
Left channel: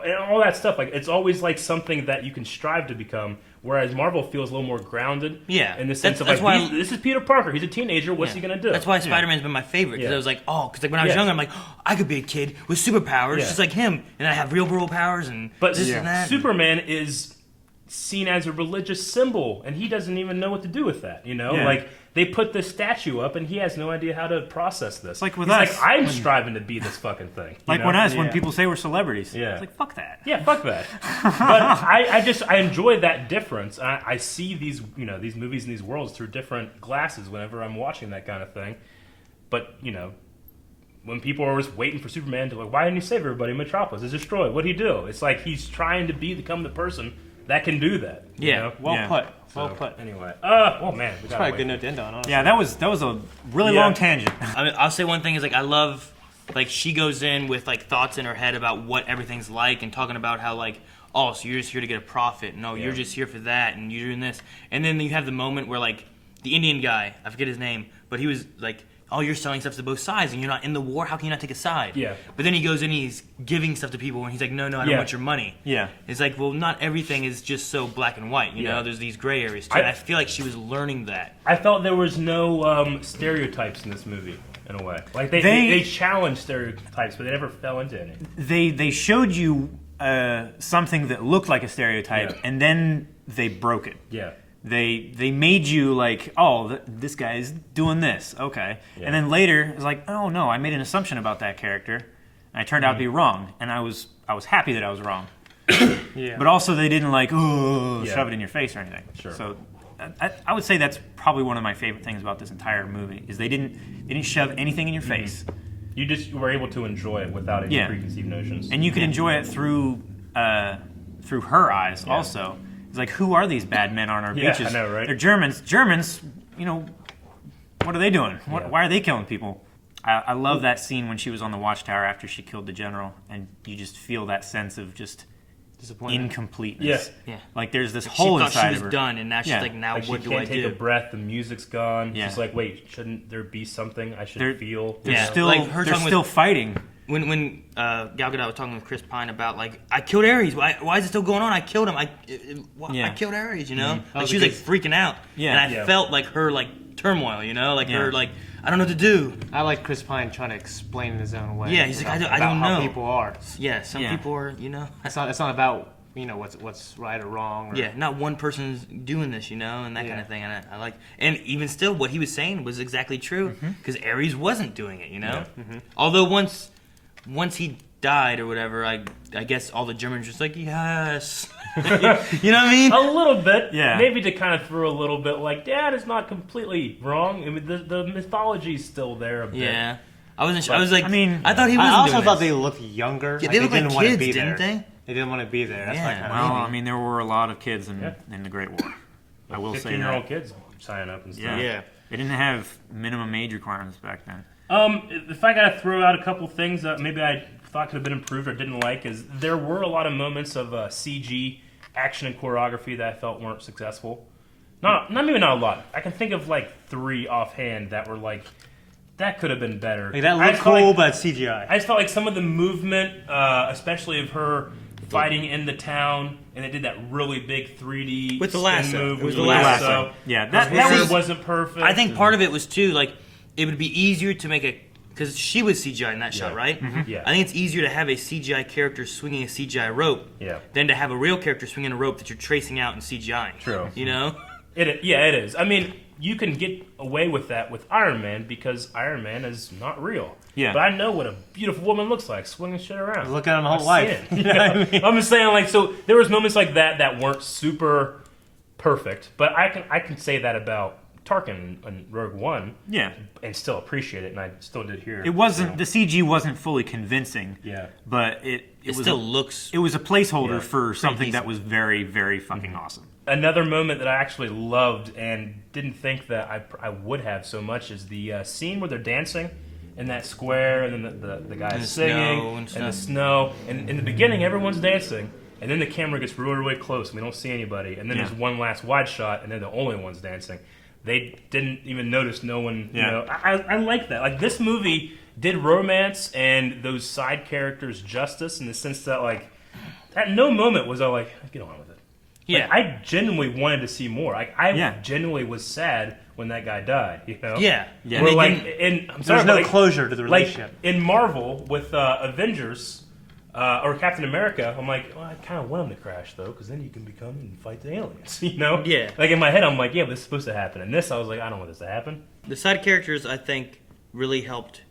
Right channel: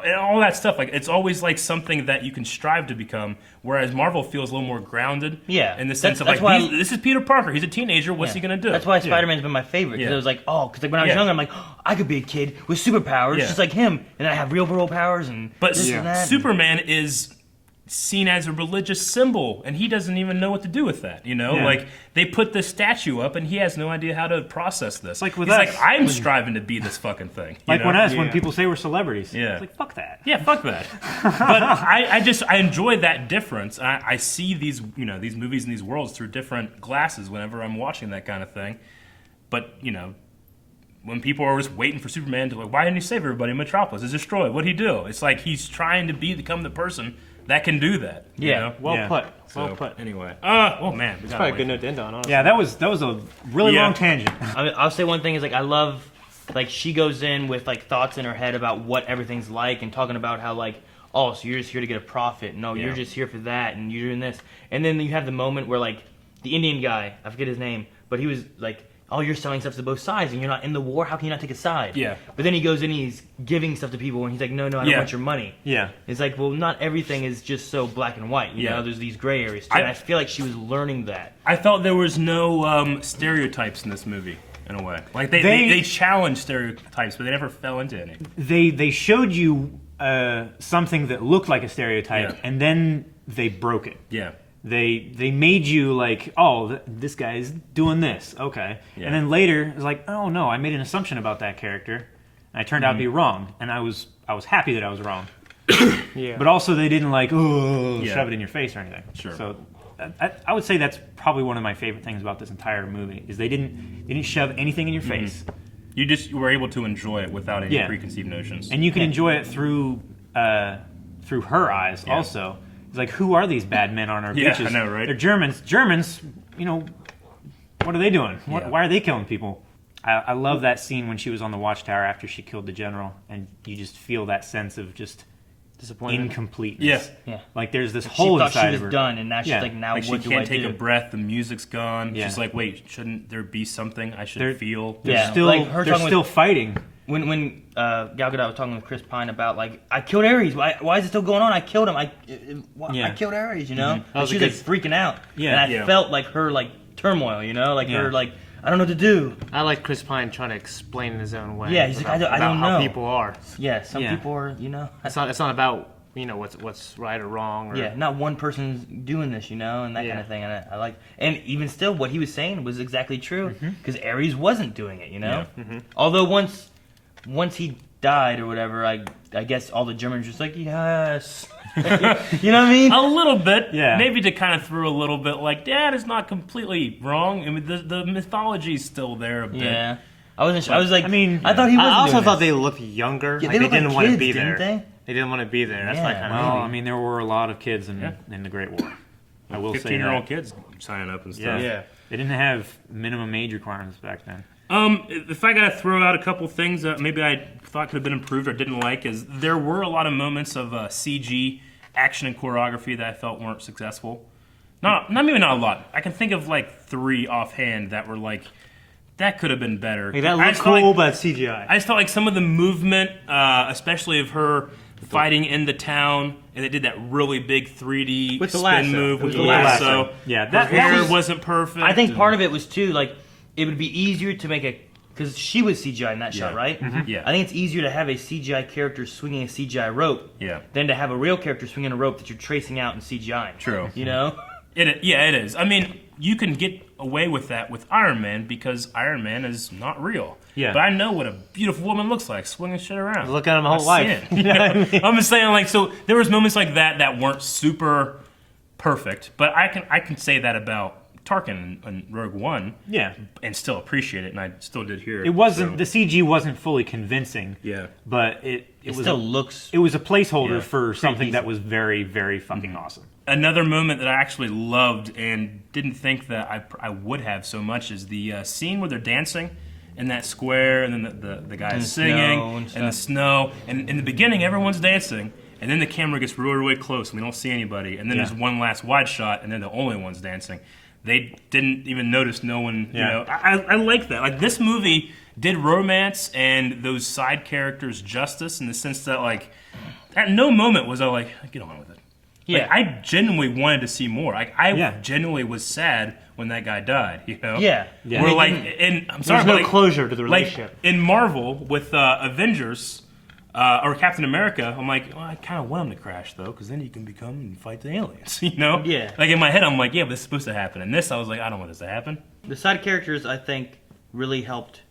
and all that stuff. Like it's always like something that you can strive to become. Whereas Marvel feels a little more grounded. Yeah. In the sense That's of why this is Peter Parker. He's a teenager. What's he gonna do? That's why Spider-Man's been my favorite. Because I was like, because when I was younger, I'm like, I could be a kid with superpowers, just like him, and I have real world powers and this and that. Superman is seen as a religious symbol, and he doesn't even know what to do with that. Like they put this statue up, and he has no idea how to process this. Like with He's us, like, I'm striving to be this fucking thing. Like when people say we're celebrities. It's like, fuck that. Yeah, fuck that. But I enjoy that difference. I see these these movies and these worlds through different glasses whenever I'm watching that kind of thing. But when people are just waiting for Superman to like, why didn't he save everybody in Metropolis? It's destroyed. What'd he do? It's like he's trying to become the person that can do that. You know? Well put. Well So, put. Anyway, oh man, It's probably a good note to end on, honestly. Yeah, that was a really long tangent. I mean, I'll say one thing is like I love like she goes in with like thoughts in her head about what everything's like and talking about how like, oh, so you're just here to get a profit. No, you're just here for that and you're doing this. And then you have the moment where like the Indian guy, I forget his name, but he was like, oh, you're selling stuff to both sides and you're not in the war. How can you not take a side? Yeah. But then he goes in and he's giving stuff to people and he's like, no, I don't want your money. Yeah. It's like, well, not everything is just so black and white. You know, there's these gray areas too. And I feel like she was learning that. I felt there was no stereotypes in this movie. In a way, like they challenged stereotypes, but they never fell into any. They showed you something that looked like a stereotype, and then they broke it. Yeah. They made you like, oh, this guy's doing this, okay, and then later it's like, oh no, I made an assumption about that character, and I turned out to be wrong, and I was happy that I was wrong. But also they didn't like, shove it in your face or anything. Sure. So I would say that's probably one of my favorite things about this entire movie is they didn't shove anything in your face. You just were able to enjoy it without any preconceived notions. And you can enjoy it through her eyes also. It's like, who are these bad men on our beaches? I know, right? They're Germans. Germans, you know, what are they doing? Why are they killing people? I love that scene when she was on the watchtower after she killed the general, and you just feel that sense of just incompleteness. Yeah. Like there's this She hole thought inside she was of her. done, and now she's like, now Like what she do I can't take do? a breath. The music's gone. Yeah. She's like, wait, shouldn't there be something I should They're- feel? Yeah. Still, like her they're talking still with- fighting. When Gal Gadot was talking with Chris Pine about like, I killed Aries. Why is it still going on? I killed him. I killed Aries. You know, like, she was like freaking out, and I felt like her like turmoil. You know, like her like, I don't know what to do. I like Chris Pine trying to explain in his own way. Yeah, he's like, I don't about know how people are. Yeah, some people are. You know, It's not about what's right or wrong. Or, not one person's doing this. You know, and that kind of thing. And I like, and even still, what he was saying was exactly true because Aries wasn't doing it. You know, although once he died or whatever, I guess all the Germans were just like, yes. You know what I mean? A little bit. Yeah. Maybe to kind of throw a little bit like, Dad is not completely wrong. I mean, the mythology's still there a bit. Yeah. I wasn't sure. I was like, I mean, I thought he was. I also thought they looked younger. Yeah, like they looked didn't like want kids, to be didn't there. they? They didn't want to be there. That's why I Yeah. kind Well, of I mean, there were a lot of kids in the Great War. I will say 15-year-old that. kids signing up and stuff. Yeah. They didn't have minimum age requirements back then. If I gotta throw out a couple things that maybe I thought could have been improved or didn't like, is there were a lot of moments of CG action and choreography that I felt weren't successful. Not a lot. I can think of like 3 offhand that were like, that could have been better. Like, that I looked just felt cool, like- but CGI. I just felt like some of the movement, especially of her fighting in the town, and they did that really big 3D With the spin lasso. move It was with the the lasso. lasso. Yeah, Her that hair was wasn't perfect. I think part of it was too like it would be easier to make because she was CGI in that shot, right? Yeah. I think it's easier to have a CGI character swinging a CGI rope than to have a real character swinging a rope that you're tracing out in CGI. True. You know? It is. I mean, you can get away with that with Iron Man because Iron Man is not real. Yeah. But I know what a beautiful woman looks like swinging shit around. Look at him whole life. You know what I mean? I'm just saying, like, so there was moments like that weren't super perfect, but I can say that about Tarkin on Rogue One. Yeah. And still appreciate it, and I still did here. It wasn't so. the CG wasn't fully convincing. Yeah. But it It was still looks. it was a placeholder Yeah. for something that was very, very fucking awesome. Another moment that I actually loved and didn't think that I would have so much is the scene where they're dancing in that square, and then the guy's And singing, snow and and stuff. the snow. And in the beginning, everyone's dancing, and then the camera gets really, really close, and we don't see anybody. And then there's one last wide shot, and they're the only ones dancing. They didn't even notice no one, you know. I like that. Like, this movie did romance and those side characters justice in the sense that, like, at no moment was I like, get on with it. Yeah. Like, I genuinely wanted to see more. Like, I genuinely was sad when that guy died, you know? Yeah. Yeah. Where, They like, didn't- and I'm sorry, There's no but, like, closure to the like, relationship. in Marvel with Avengers or Captain America, I'm like, well, I kind of want him to crash though, because then you can become and fight the aliens, you know? Yeah. Like, in my head, I'm like, yeah, but this is supposed to happen. And this, I was like, I don't want this to happen. The side characters, I think, really helped.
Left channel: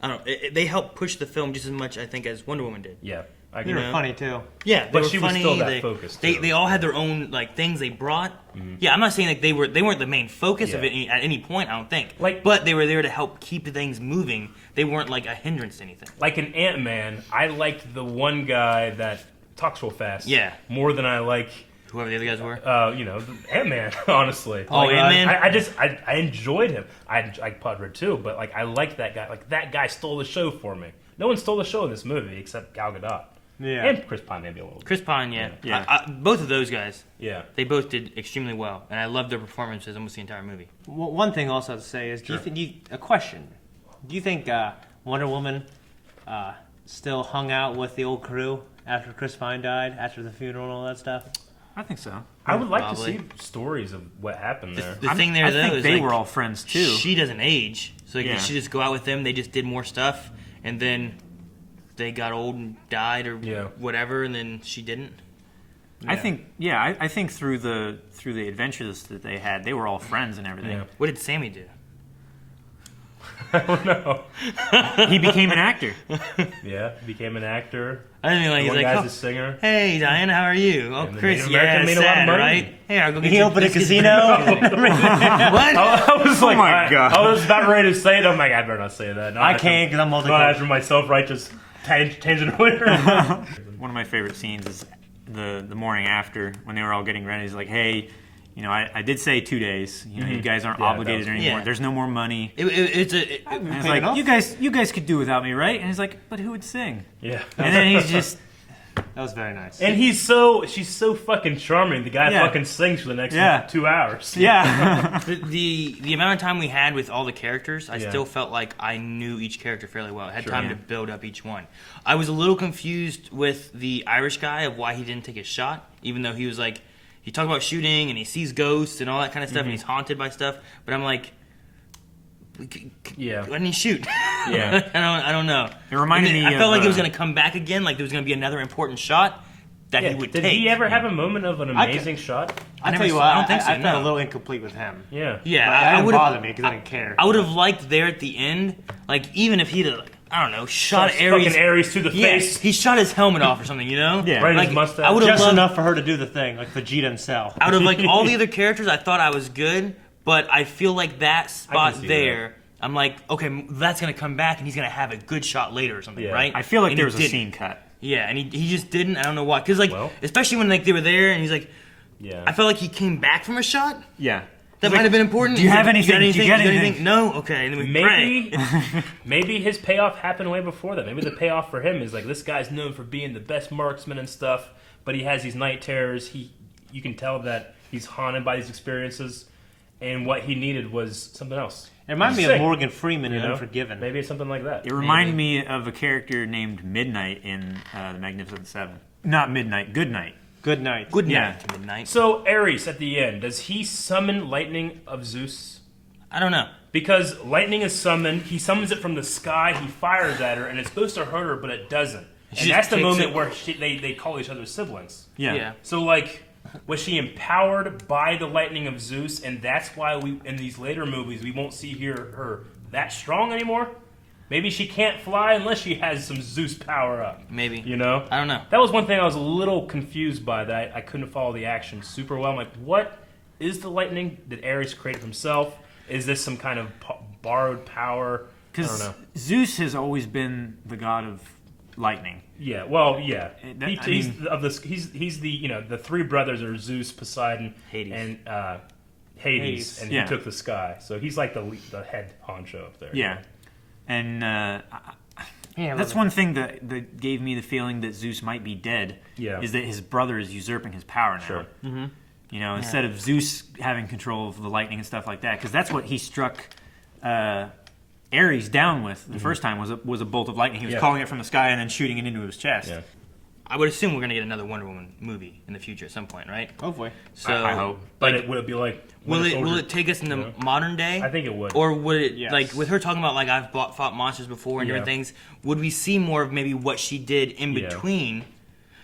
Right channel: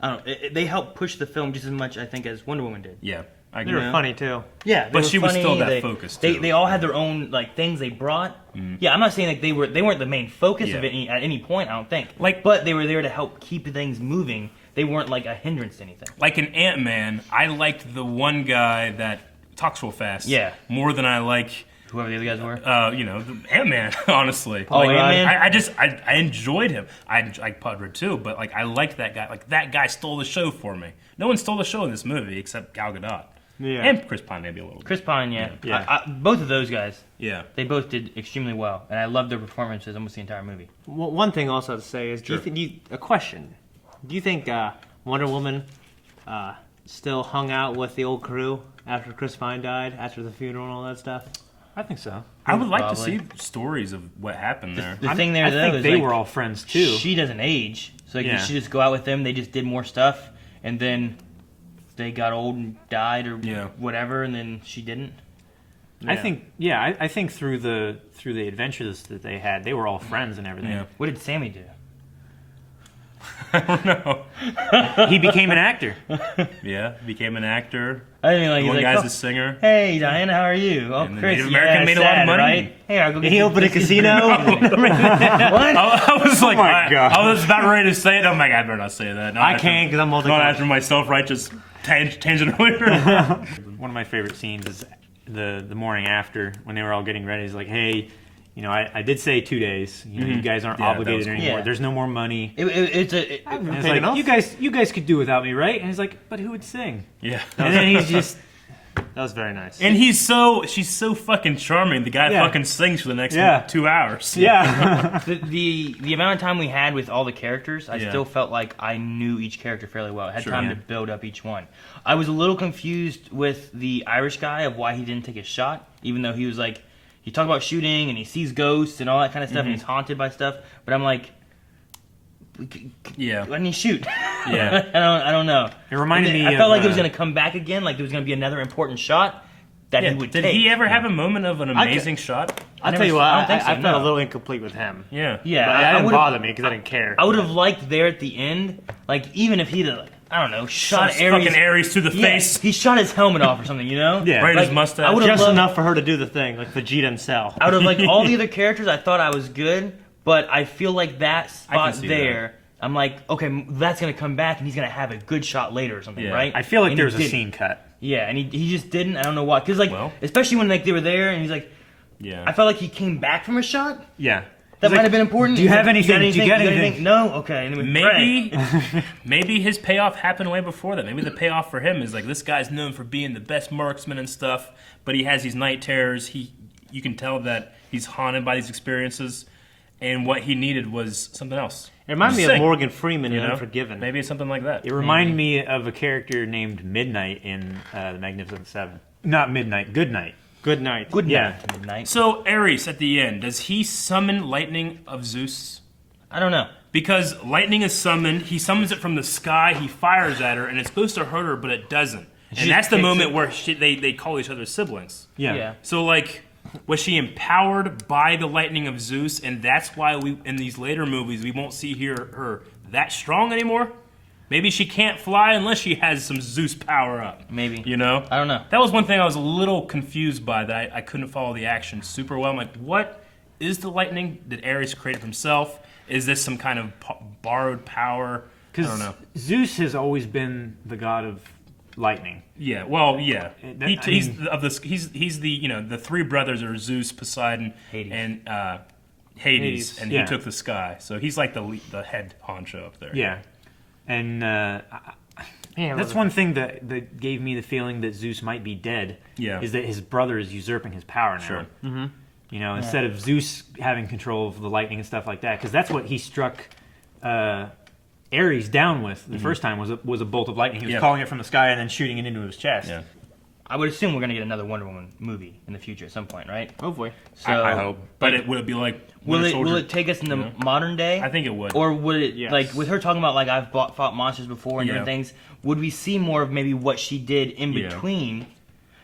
I don't know. They helped push the film just as much, I think, as Wonder Woman did. Yeah, They were funny too. Yeah, But were she was funny. still that focused, too. They all had their own like things they brought. Yeah, I'm not saying like they weren't the main focus of Yeah. it at any point. I don't think. Like- but they were there to help keep things moving. They weren't like a hindrance to anything. Like in Ant-Man, I liked the one guy that talks real fast. Yeah. More than I like, Whoever the other guys were. Ant-Man, honestly. Oh, Ant-Man? I enjoyed him. I like Pudder too, but like I liked that guy. Like that guy stole the show for me. No one stole the show in this movie except Gal Gadot. Yeah. And Chris Pine maybe a little bit. Chris Pine, yeah. Yeah. Both of those guys, Yeah. they both did extremely well, and I loved their performances almost the entire movie. Well, one thing also to say is, a question? Do you think Wonder Woman still hung out with the old crew after Chris Pine died, after the funeral and all that stuff? I think so. I would like Probably. to see stories of what happened there. The thing there, I though, think is they like, were all friends too. she doesn't age, so like, Yeah. did she just go out with them? They just did more stuff, and then they got old and died, or Yeah. whatever, and then she didn't. I think, I think through the adventures that they had, they were all friends and everything. Yeah. What did Sammy do? I don't know. He became an actor. Yeah, became an actor. I didn't mean like he's One like, guy's oh, a singer. hey Diana, how are you? Oh, And the Chris, Native yeah, American made a lot of sad, money. right? Hey, I'll go get He you opened a casino. What? I was like, my God. I was about ready to say it. I'm like, I better not say that. I can't because I'm Not multiple. after my self-righteous tangent earlier. One of my favorite scenes is the morning after when they were all getting ready. He's like, hey, I did say 2 days. You guys aren't Yeah, that obligated was cool. anymore. Yeah. There's no more money. It's And it's Take like, enough? you guys could do without me, right? And he's like, but who would sing? Yeah. And then he's just, That was very nice. And she's so fucking charming. The guy Yeah. fucking sings for the next Yeah. 2 hours. yeah. the amount of time we had with all the characters, I Yeah. still felt like I knew each character fairly well. I had time yeah. to build up each one. I was a little confused with the Irish guy of why he didn't take his shot, even though he was like, he talked about shooting and he sees ghosts and all that kind of stuff, and he's haunted by stuff. But I'm like, Yeah. why didn't he shoot? Yeah. I don't know. It reminded me I felt of, like it was going to come back again, like there was going to be another important shot that Yeah. he would Did take. he ever have a moment of an amazing shot? I'll never tell you saw- what, I I, don't think so, I felt no. a little incomplete with him. Yeah. Yeah, But that didn't would've- bother me because I didn't care. I would have liked there at the end, like even if he'd, like, I don't know, shot Shots Aries. fucking Aries to the Yeah, face. he shot his helmet off or something, you know? Yeah. Right in Like, his mustache. I would have Just loved, enough for her to do the thing, like Vegeta and Cell. out of like all the other characters, I thought I was good, but I feel like that spot see there, I'm like, okay, that's gonna come back and he's gonna have a good shot later or something, Yeah. right? I feel like And there he was a didn't. scene cut. Yeah, and he just didn't. I don't know why, because like, Well. especially when like they were there and he's like, Yeah. I felt like he came back from a shot. Yeah. That He's might like, have been important. Do you He's have like, anything? got Did you get got anything? No. Okay. And then we Maybe, pray. maybe his payoff happened way before that. Maybe the payoff for him is like this guy's known for being the best marksman and stuff, but he has these night terrors. You can tell that he's haunted by these experiences, and what he needed was something else. It reminded me of Sick. Morgan Freeman in You know? Unforgiven. Maybe it's something like that. It reminded me of a character named Midnight in The Magnificent Seven. Not Midnight, Goodnight. Good night. Good Yeah. night to midnight. So Aries at the end, does he summon lightning of Zeus? I don't know. Because lightning is summoned, he summons it from the sky, he fires at her, and it's supposed to hurt her, but it doesn't. She And just that's the takes moment it. where they call each other siblings. Yeah. So, like, was she empowered by the lightning of Zeus, and that's why we, in these later movies, we won't see her that strong anymore? Maybe she can't fly unless she has some Zeus power up. Maybe. You know? I don't know. That was one thing I was a little confused by, that I couldn't follow the action super well. I'm like, what is the lightning that Ares created himself? Is this some kind of borrowed power? I don't Because know. Zeus has always been the god of lightning. Yeah, well, yeah. He's mean- he's the the three brothers are Zeus, Poseidon, Hades. and Hades, Hades. and Yeah. he took the sky. So he's like the head honcho up there. Yeah. And Yeah, that's one thing that gave me the feeling that Zeus might be dead. Yeah. Is that his brother is usurping his power now. Sure. You know, instead of Zeus having control of the lightning and stuff like that, because that's what he struck Ares down with the first time was a bolt of lightning. He was Yeah. calling it from the sky and then shooting it into his chest. Yeah. I would assume we're gonna get another Wonder Woman movie in the future at some point, right? Hopefully. So I hope. But would it be like will Winter it Soldier? take us in the modern day? I think it would. Or would it Yes. like with her talking about like I've fought monsters before and Yeah. different things? Would we see more of maybe what she did in Yeah. between?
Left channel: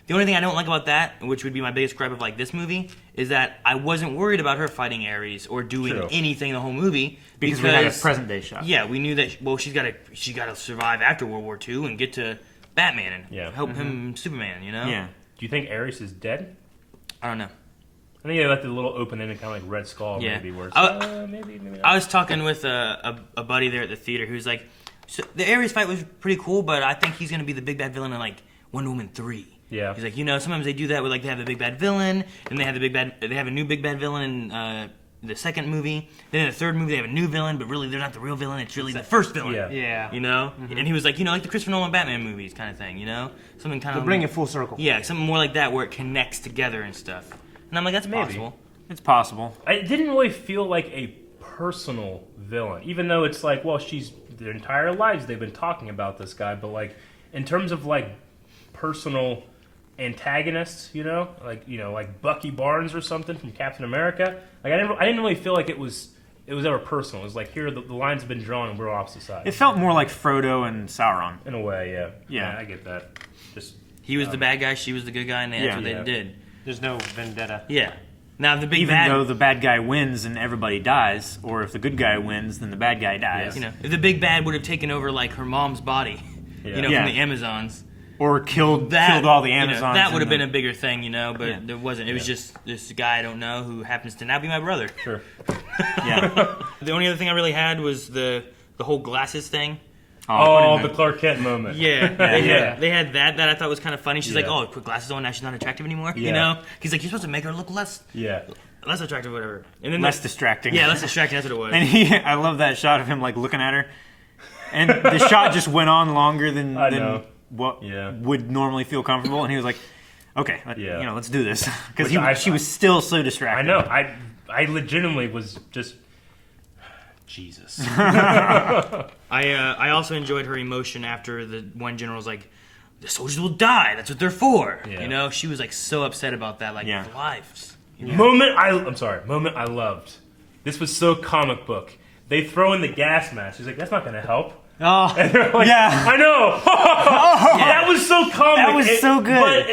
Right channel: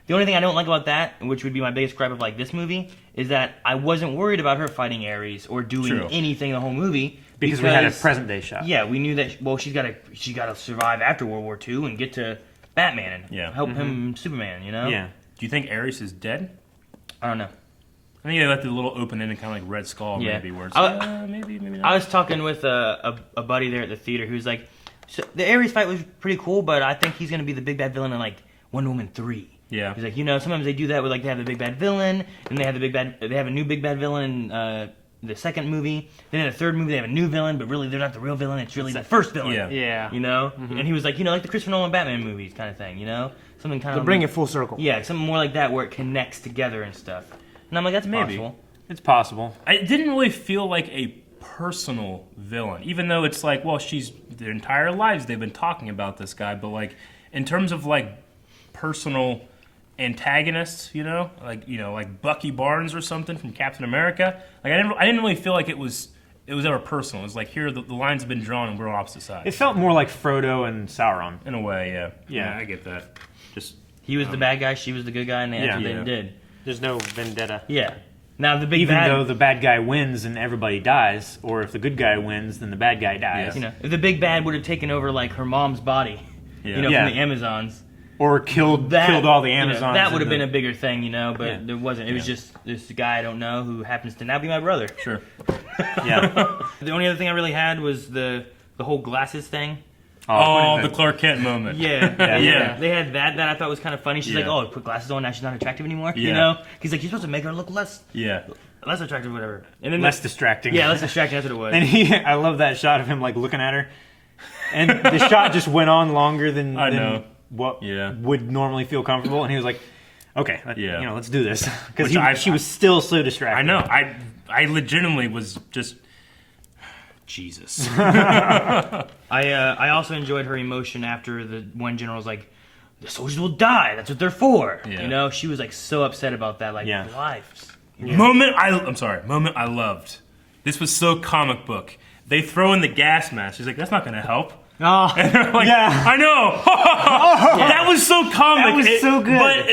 The only thing I don't like about that, which would be my biggest gripe of like this movie, is that I wasn't worried about her fighting Ares or doing True. anything in the whole movie Because we had a present day shot. Yeah, we knew that. Well, she's got to survive after World War II and get to Batman and Yeah. help him Superman. You know? Yeah. Do you think Aries is dead? I don't know. I think they left it a little open ended, kind of like Red Skull, Yeah. maybe. Where it's maybe not. I was talking with a buddy there at the theater who's like, so the Ares fight was pretty cool, but I think he's gonna be the big bad villain in like Wonder Woman 3. Yeah. He's like, sometimes they do that with like they have the big bad villain, then they have a new big bad villain in the second movie. Then in the third movie they have a new villain, but really they're not the real villain. It's really the first villain. Yeah. Yeah. You know, and he was like, like the Christopher Nolan Batman movies kind of thing. Something kind To of bring it full circle. Yeah, something more like that where it connects together and stuff. And I'm like, that's Maybe. possible. It's possible. It didn't really feel like a personal villain, even though it's like, well, their entire lives they've been talking about this guy, but like in terms of like personal antagonists, like Bucky Barnes or something from Captain America, like I didn't really feel like it was ever personal. It was like, here the lines have been drawn and we're on opposite sides. It felt more like Frodo and Sauron. In a way, yeah. Yeah. I get that. Just He was the bad guy, she was the good guy, and that's what Yeah. they did. There's no vendetta. Yeah. Now the big Even bad. though the bad guy wins and everybody dies, or if the good guy wins, then the bad guy dies. If the big bad would have taken over like her mom's body, Yeah. from Yeah. the Amazons, Or killed all the Amazons. that would have in been the- a bigger thing, but there wasn't. It was just this guy I don't know who happens to now be my brother. sure. Yeah. The only other thing I really had was the whole glasses thing. Oh, putting the Clark Kent moment. Yeah, Yeah. They had that I thought was kind of funny. She's like, Yeah. "Oh, put glasses on, now she's not attractive anymore." Yeah. He's like, "You're supposed to make her look less Yeah. attractive, whatever." And then less distracting. Yeah, less distracting. That's what it was. And I love that shot of him like looking at her, and the shot just went on longer than I know. what Yeah. would normally feel comfortable, and he was like, "Okay, Yeah. let's do this," because Which she was still so distracted. I know. I legitimately was just Jesus. I also enjoyed her emotion after the one general was like, "The soldiers will die. That's what they're for." Yeah. She was like so upset about that, like Yeah. lives. Moment I loved. This was so comic book. They throw in the gas mask. She's like, that's not going to help. Oh, And they're like, Yeah. I know. That was so comic. That was so good. But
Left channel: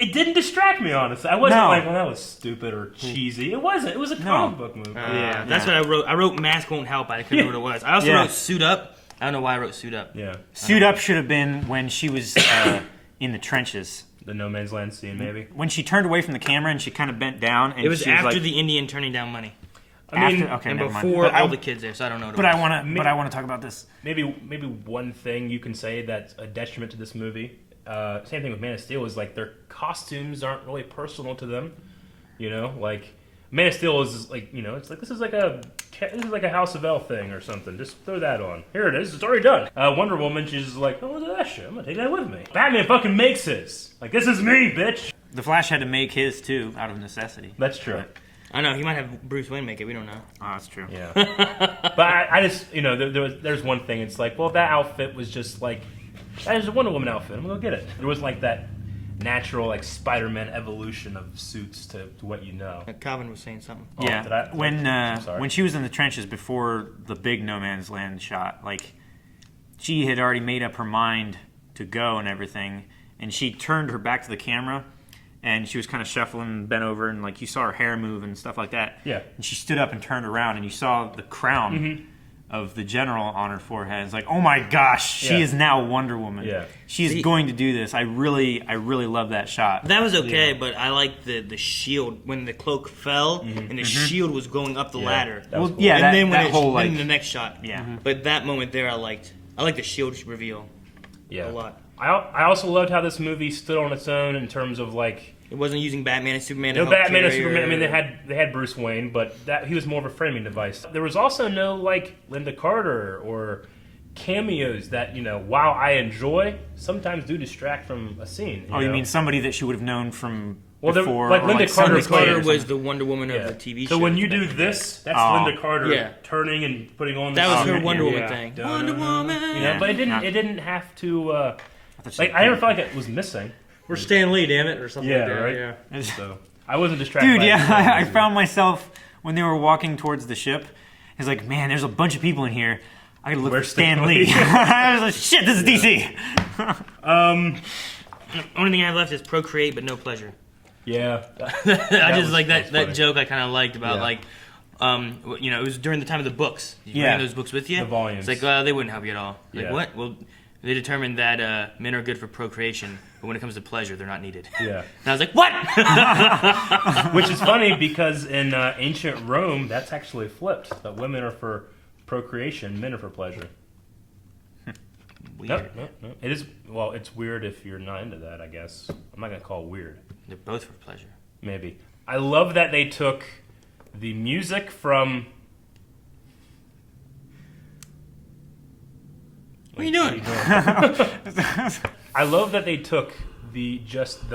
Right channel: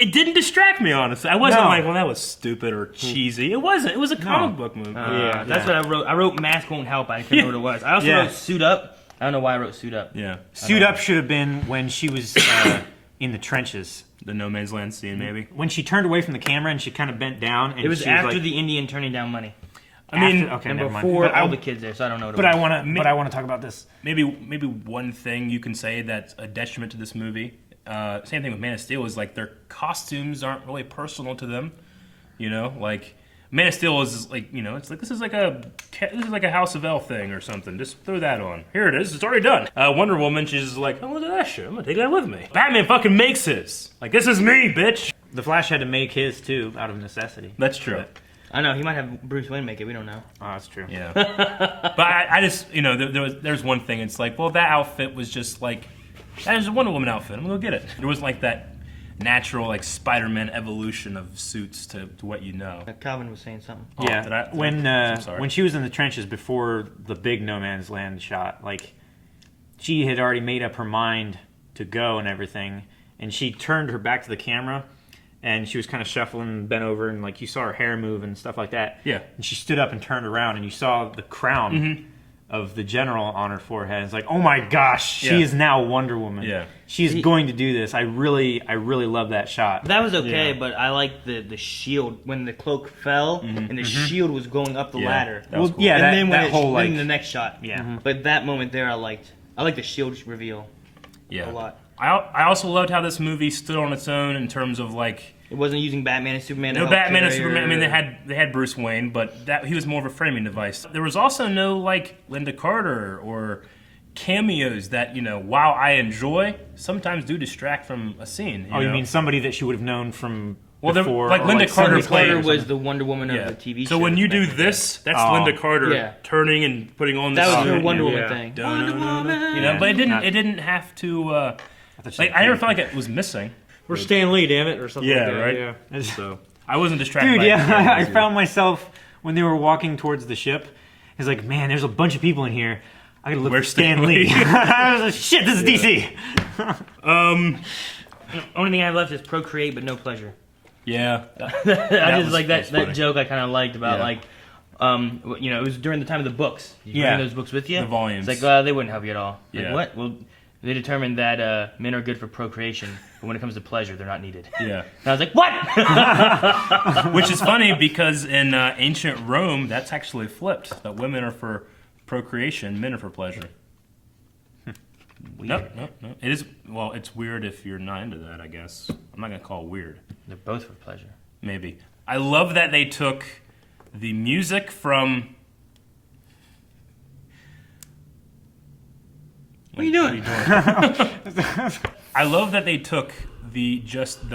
it didn't distract me, honestly. I wasn't No. like, well, that was stupid or cheesy. It wasn't. It was a comic book movie. yeah. That's what I wrote. I wrote mask won't help. I couldn't remember what it was. I also Yeah. wrote suit up. I don't know why I wrote suit up. Yeah. Suit Up should have been when she was in the trenches. The No Man's Land scene, maybe. When she turned away from the camera and she kind of bent down, and It was she was after like, the Indian turning down money. I mean, okay, And never mind. before But all I- the kids there, so I don't know what it But was. I want to talk about this. maybe one thing you can say that's a detriment to this movie. Same thing with Man of Steel is like their costumes aren't really personal to them. Like Man of Steel is like it's like this is like a House of L thing or something. Just throw that on. Here it is. It's already done. Wonder Woman, she's just like, oh, look at that shit. I'm gonna take that with me. Batman fucking makes his. Like, this is me, bitch. The Flash had to make his too out of necessity. That's true. I know he might have Bruce Wayne make it. We don't know. Oh, that's true. Yeah. But I just there's one thing. It's like, well, that outfit was just like that was a Wonder Woman outfit. We'll get it. There wasn't like that natural like Spider-Man evolution of suits to what you know. Calvin was saying something. Yeah, did I- when sorry. when she was in the trenches before the big No Man's Land shot, like she had already made up her mind to go and everything, and she turned her back to the camera, and she was kind of shuffling, bent over, and like you saw her hair move and stuff like that. Yeah. And she stood up and turned around, and you saw the crown of the general on her forehead. It's like, oh my gosh, she Yeah. is now Wonder Woman. Yeah. She's See- going to do this. I really love that shot. That was okay, Yeah. but I like the shield when the cloak fell and the shield was going up the ladder. That was Well, cool. yeah, and that, then when that it whole then like the next shot. yeah. But that moment there, I liked the shield reveal Yeah. a lot. I also loved how this movie stood on its own in terms of like It wasn't using Batman and Superman. to no help Batman and carry Superman. I her. mean, they had Bruce Wayne, but that he was more of a framing device. There was also no like Linda Carter or cameos that while I enjoy, sometimes do distract from a scene. Oh, you know? mean somebody that she would have known from Well, they're- before? like or Linda Carter- Sunday Carter Kid or was something? the Wonder Woman Yeah. of the TV show. So when you do back in the day. this, that's Oh. Linda Carter Yeah. turning and putting on the That was suit, her Wonder Woman Yeah. thing. Wonder Woman. But it didn't. Not- It didn't have to. I thought you Like said I never Kid. felt like it was missing. we're Stan Lee, damn it, or something Yeah, like that. right? Yeah. So I wasn't distracted. Dude, by yeah, I it. found myself when they were walking towards the ship. He's like, man, there's a bunch of people in here. I gotta look Where's for Stan Stan Lee. Lee? I was like, shit, this is DC. Only thing I have left is procreate, but no pleasure. Yeah. I That just was- like that was that funny. joke. I kind of liked about Yeah. like, it was during the time of the books. Did you Yeah. bring those books with you? The volumes. It's like, they wouldn't help you at all. Like, Yeah. what? Well, they determined that men are good for procreation, but when it comes to pleasure, they're not needed. Yeah. And I was like, what? Which is funny because in ancient Rome, that's actually flipped. That women are for procreation, men are for pleasure. Weird. No. It is. Well, it's weird if you're not into that, I guess. I'm not gonna call it weird. They're both for pleasure. Maybe. I love that they took the music from. What are you doing? I love that they took the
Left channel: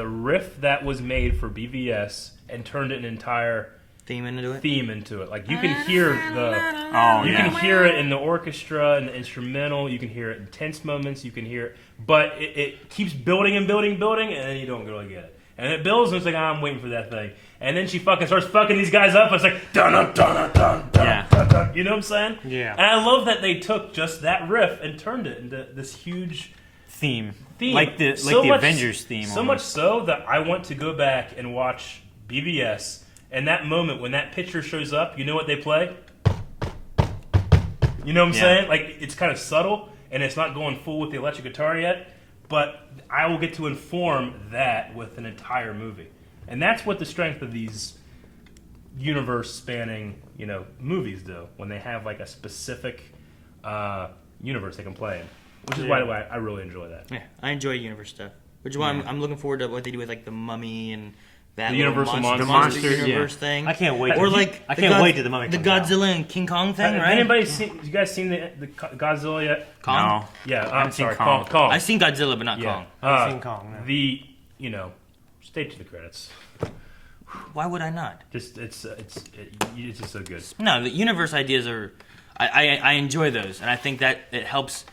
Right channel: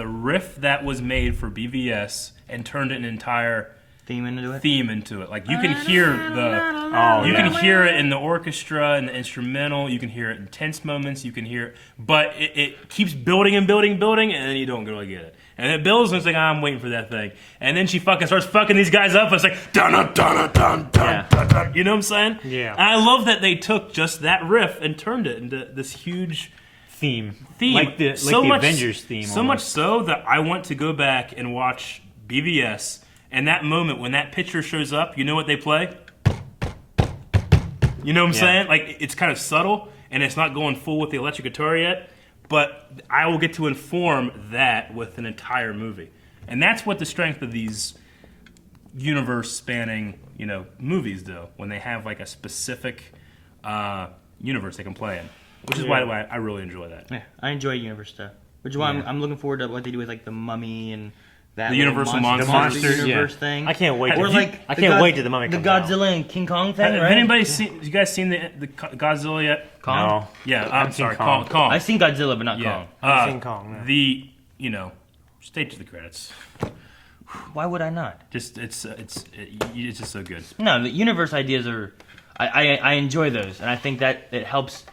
riff that was made for BVS and turned an entire Theme into it? Like you can hear you can hear it in the orchestra and the instrumental. You can hear it in tense moments. You can hear it, but it keeps building and building, and then you don't really get it. And it builds, and it's like, I'm waiting for that thing. And then she fucking starts fucking these guys up. And it's like, dun dun dun dun dun dun dun. You know what I'm saying? Yeah. And I love that they took just that riff and turned it into this huge theme. Like the Avengers theme. So much so that I want to go back and watch BVS. And that moment when that picture shows up, you know what they play? You know what I'm saying? Like, it's kind of subtle, and it's not going full with the electric guitar yet, but I will get to inform that with an entire movie. And that's what the strength of these universe-spanning, movies do, when they have, like, a specific universe they can play in. Which is why I really enjoy that. Yeah, I enjoy universe stuff. Which is why I'm looking forward to what they do with, like, the Mummy and that the little Universal monster Monster universe thing. I can't wait. Or like I can't wait till the Mummy the comes out. Godzilla and King Kong thing, Have right? anybody seen? You guys seen the Godzilla yet? Kong? No. Yeah, I I'm haven't seen sorry, Kong. Kong. I've seen Godzilla, but not Yeah. Kong. I've seen Kong. Yeah. Stay to the credits. Why would I not? Just it's just so good. No, the universe ideas are. I enjoy those, and I think that it helps.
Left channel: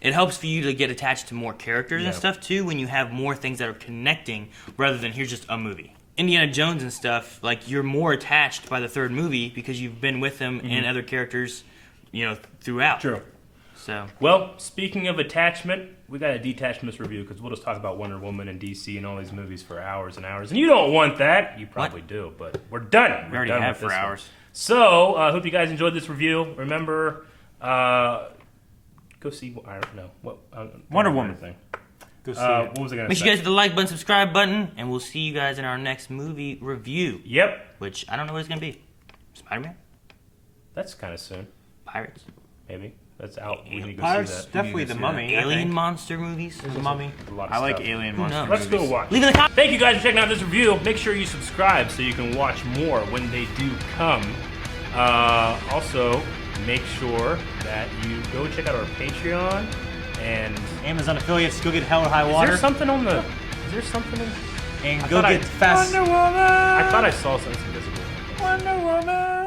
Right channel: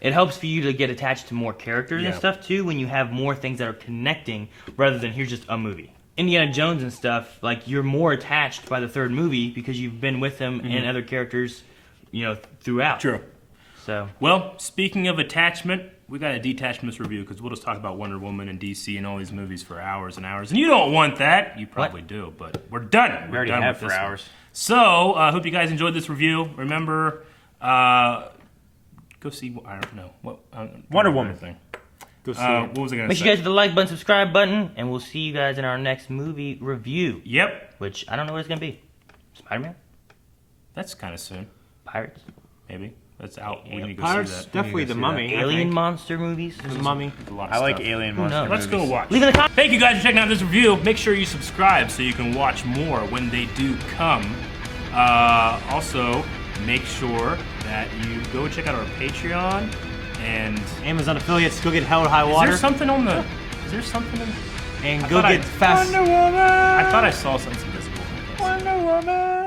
It helps for you to get attached to more characters and Yeah. stuff too when you have more things that are connecting rather than here's just a movie. Indiana Jones and stuff, like you're more attached by the third movie because you've been with them and other characters, throughout. True. So Well, speaking of attachment, we got a detachments review because we'll just talk about Wonder Woman and DC and all these movies for hours and hours, and you don't want that. You probably do, but we're done. We already done have with for this one. hours. So, I hope you guys enjoyed this review. Remember, go see. I don't know Wonder Woman thing. Go see it. What was I gonna make say? sure you guys hit the like button, subscribe button, and we'll see you guys in our next movie review. Yep, Which I don't know what it's gonna be. Spider-Man, that's kind of soon. Pirates, Maybe that's out. We need to go Pirates, see that. definitely We need to the go see Mummy. I alien think. monster movies. The Mummy. that. A lot of I like stuff. alien monster knows? Let's movies. go watch. Leave in the comments. Thank you guys for checking out this review. Make sure you subscribe so you can watch more when they do come. Also, make sure that you go check out our Patreon and Amazon affiliates. Go get Hell or High is Water. there something on the? Is there something? And I go thought get Fast. I thought I saw something.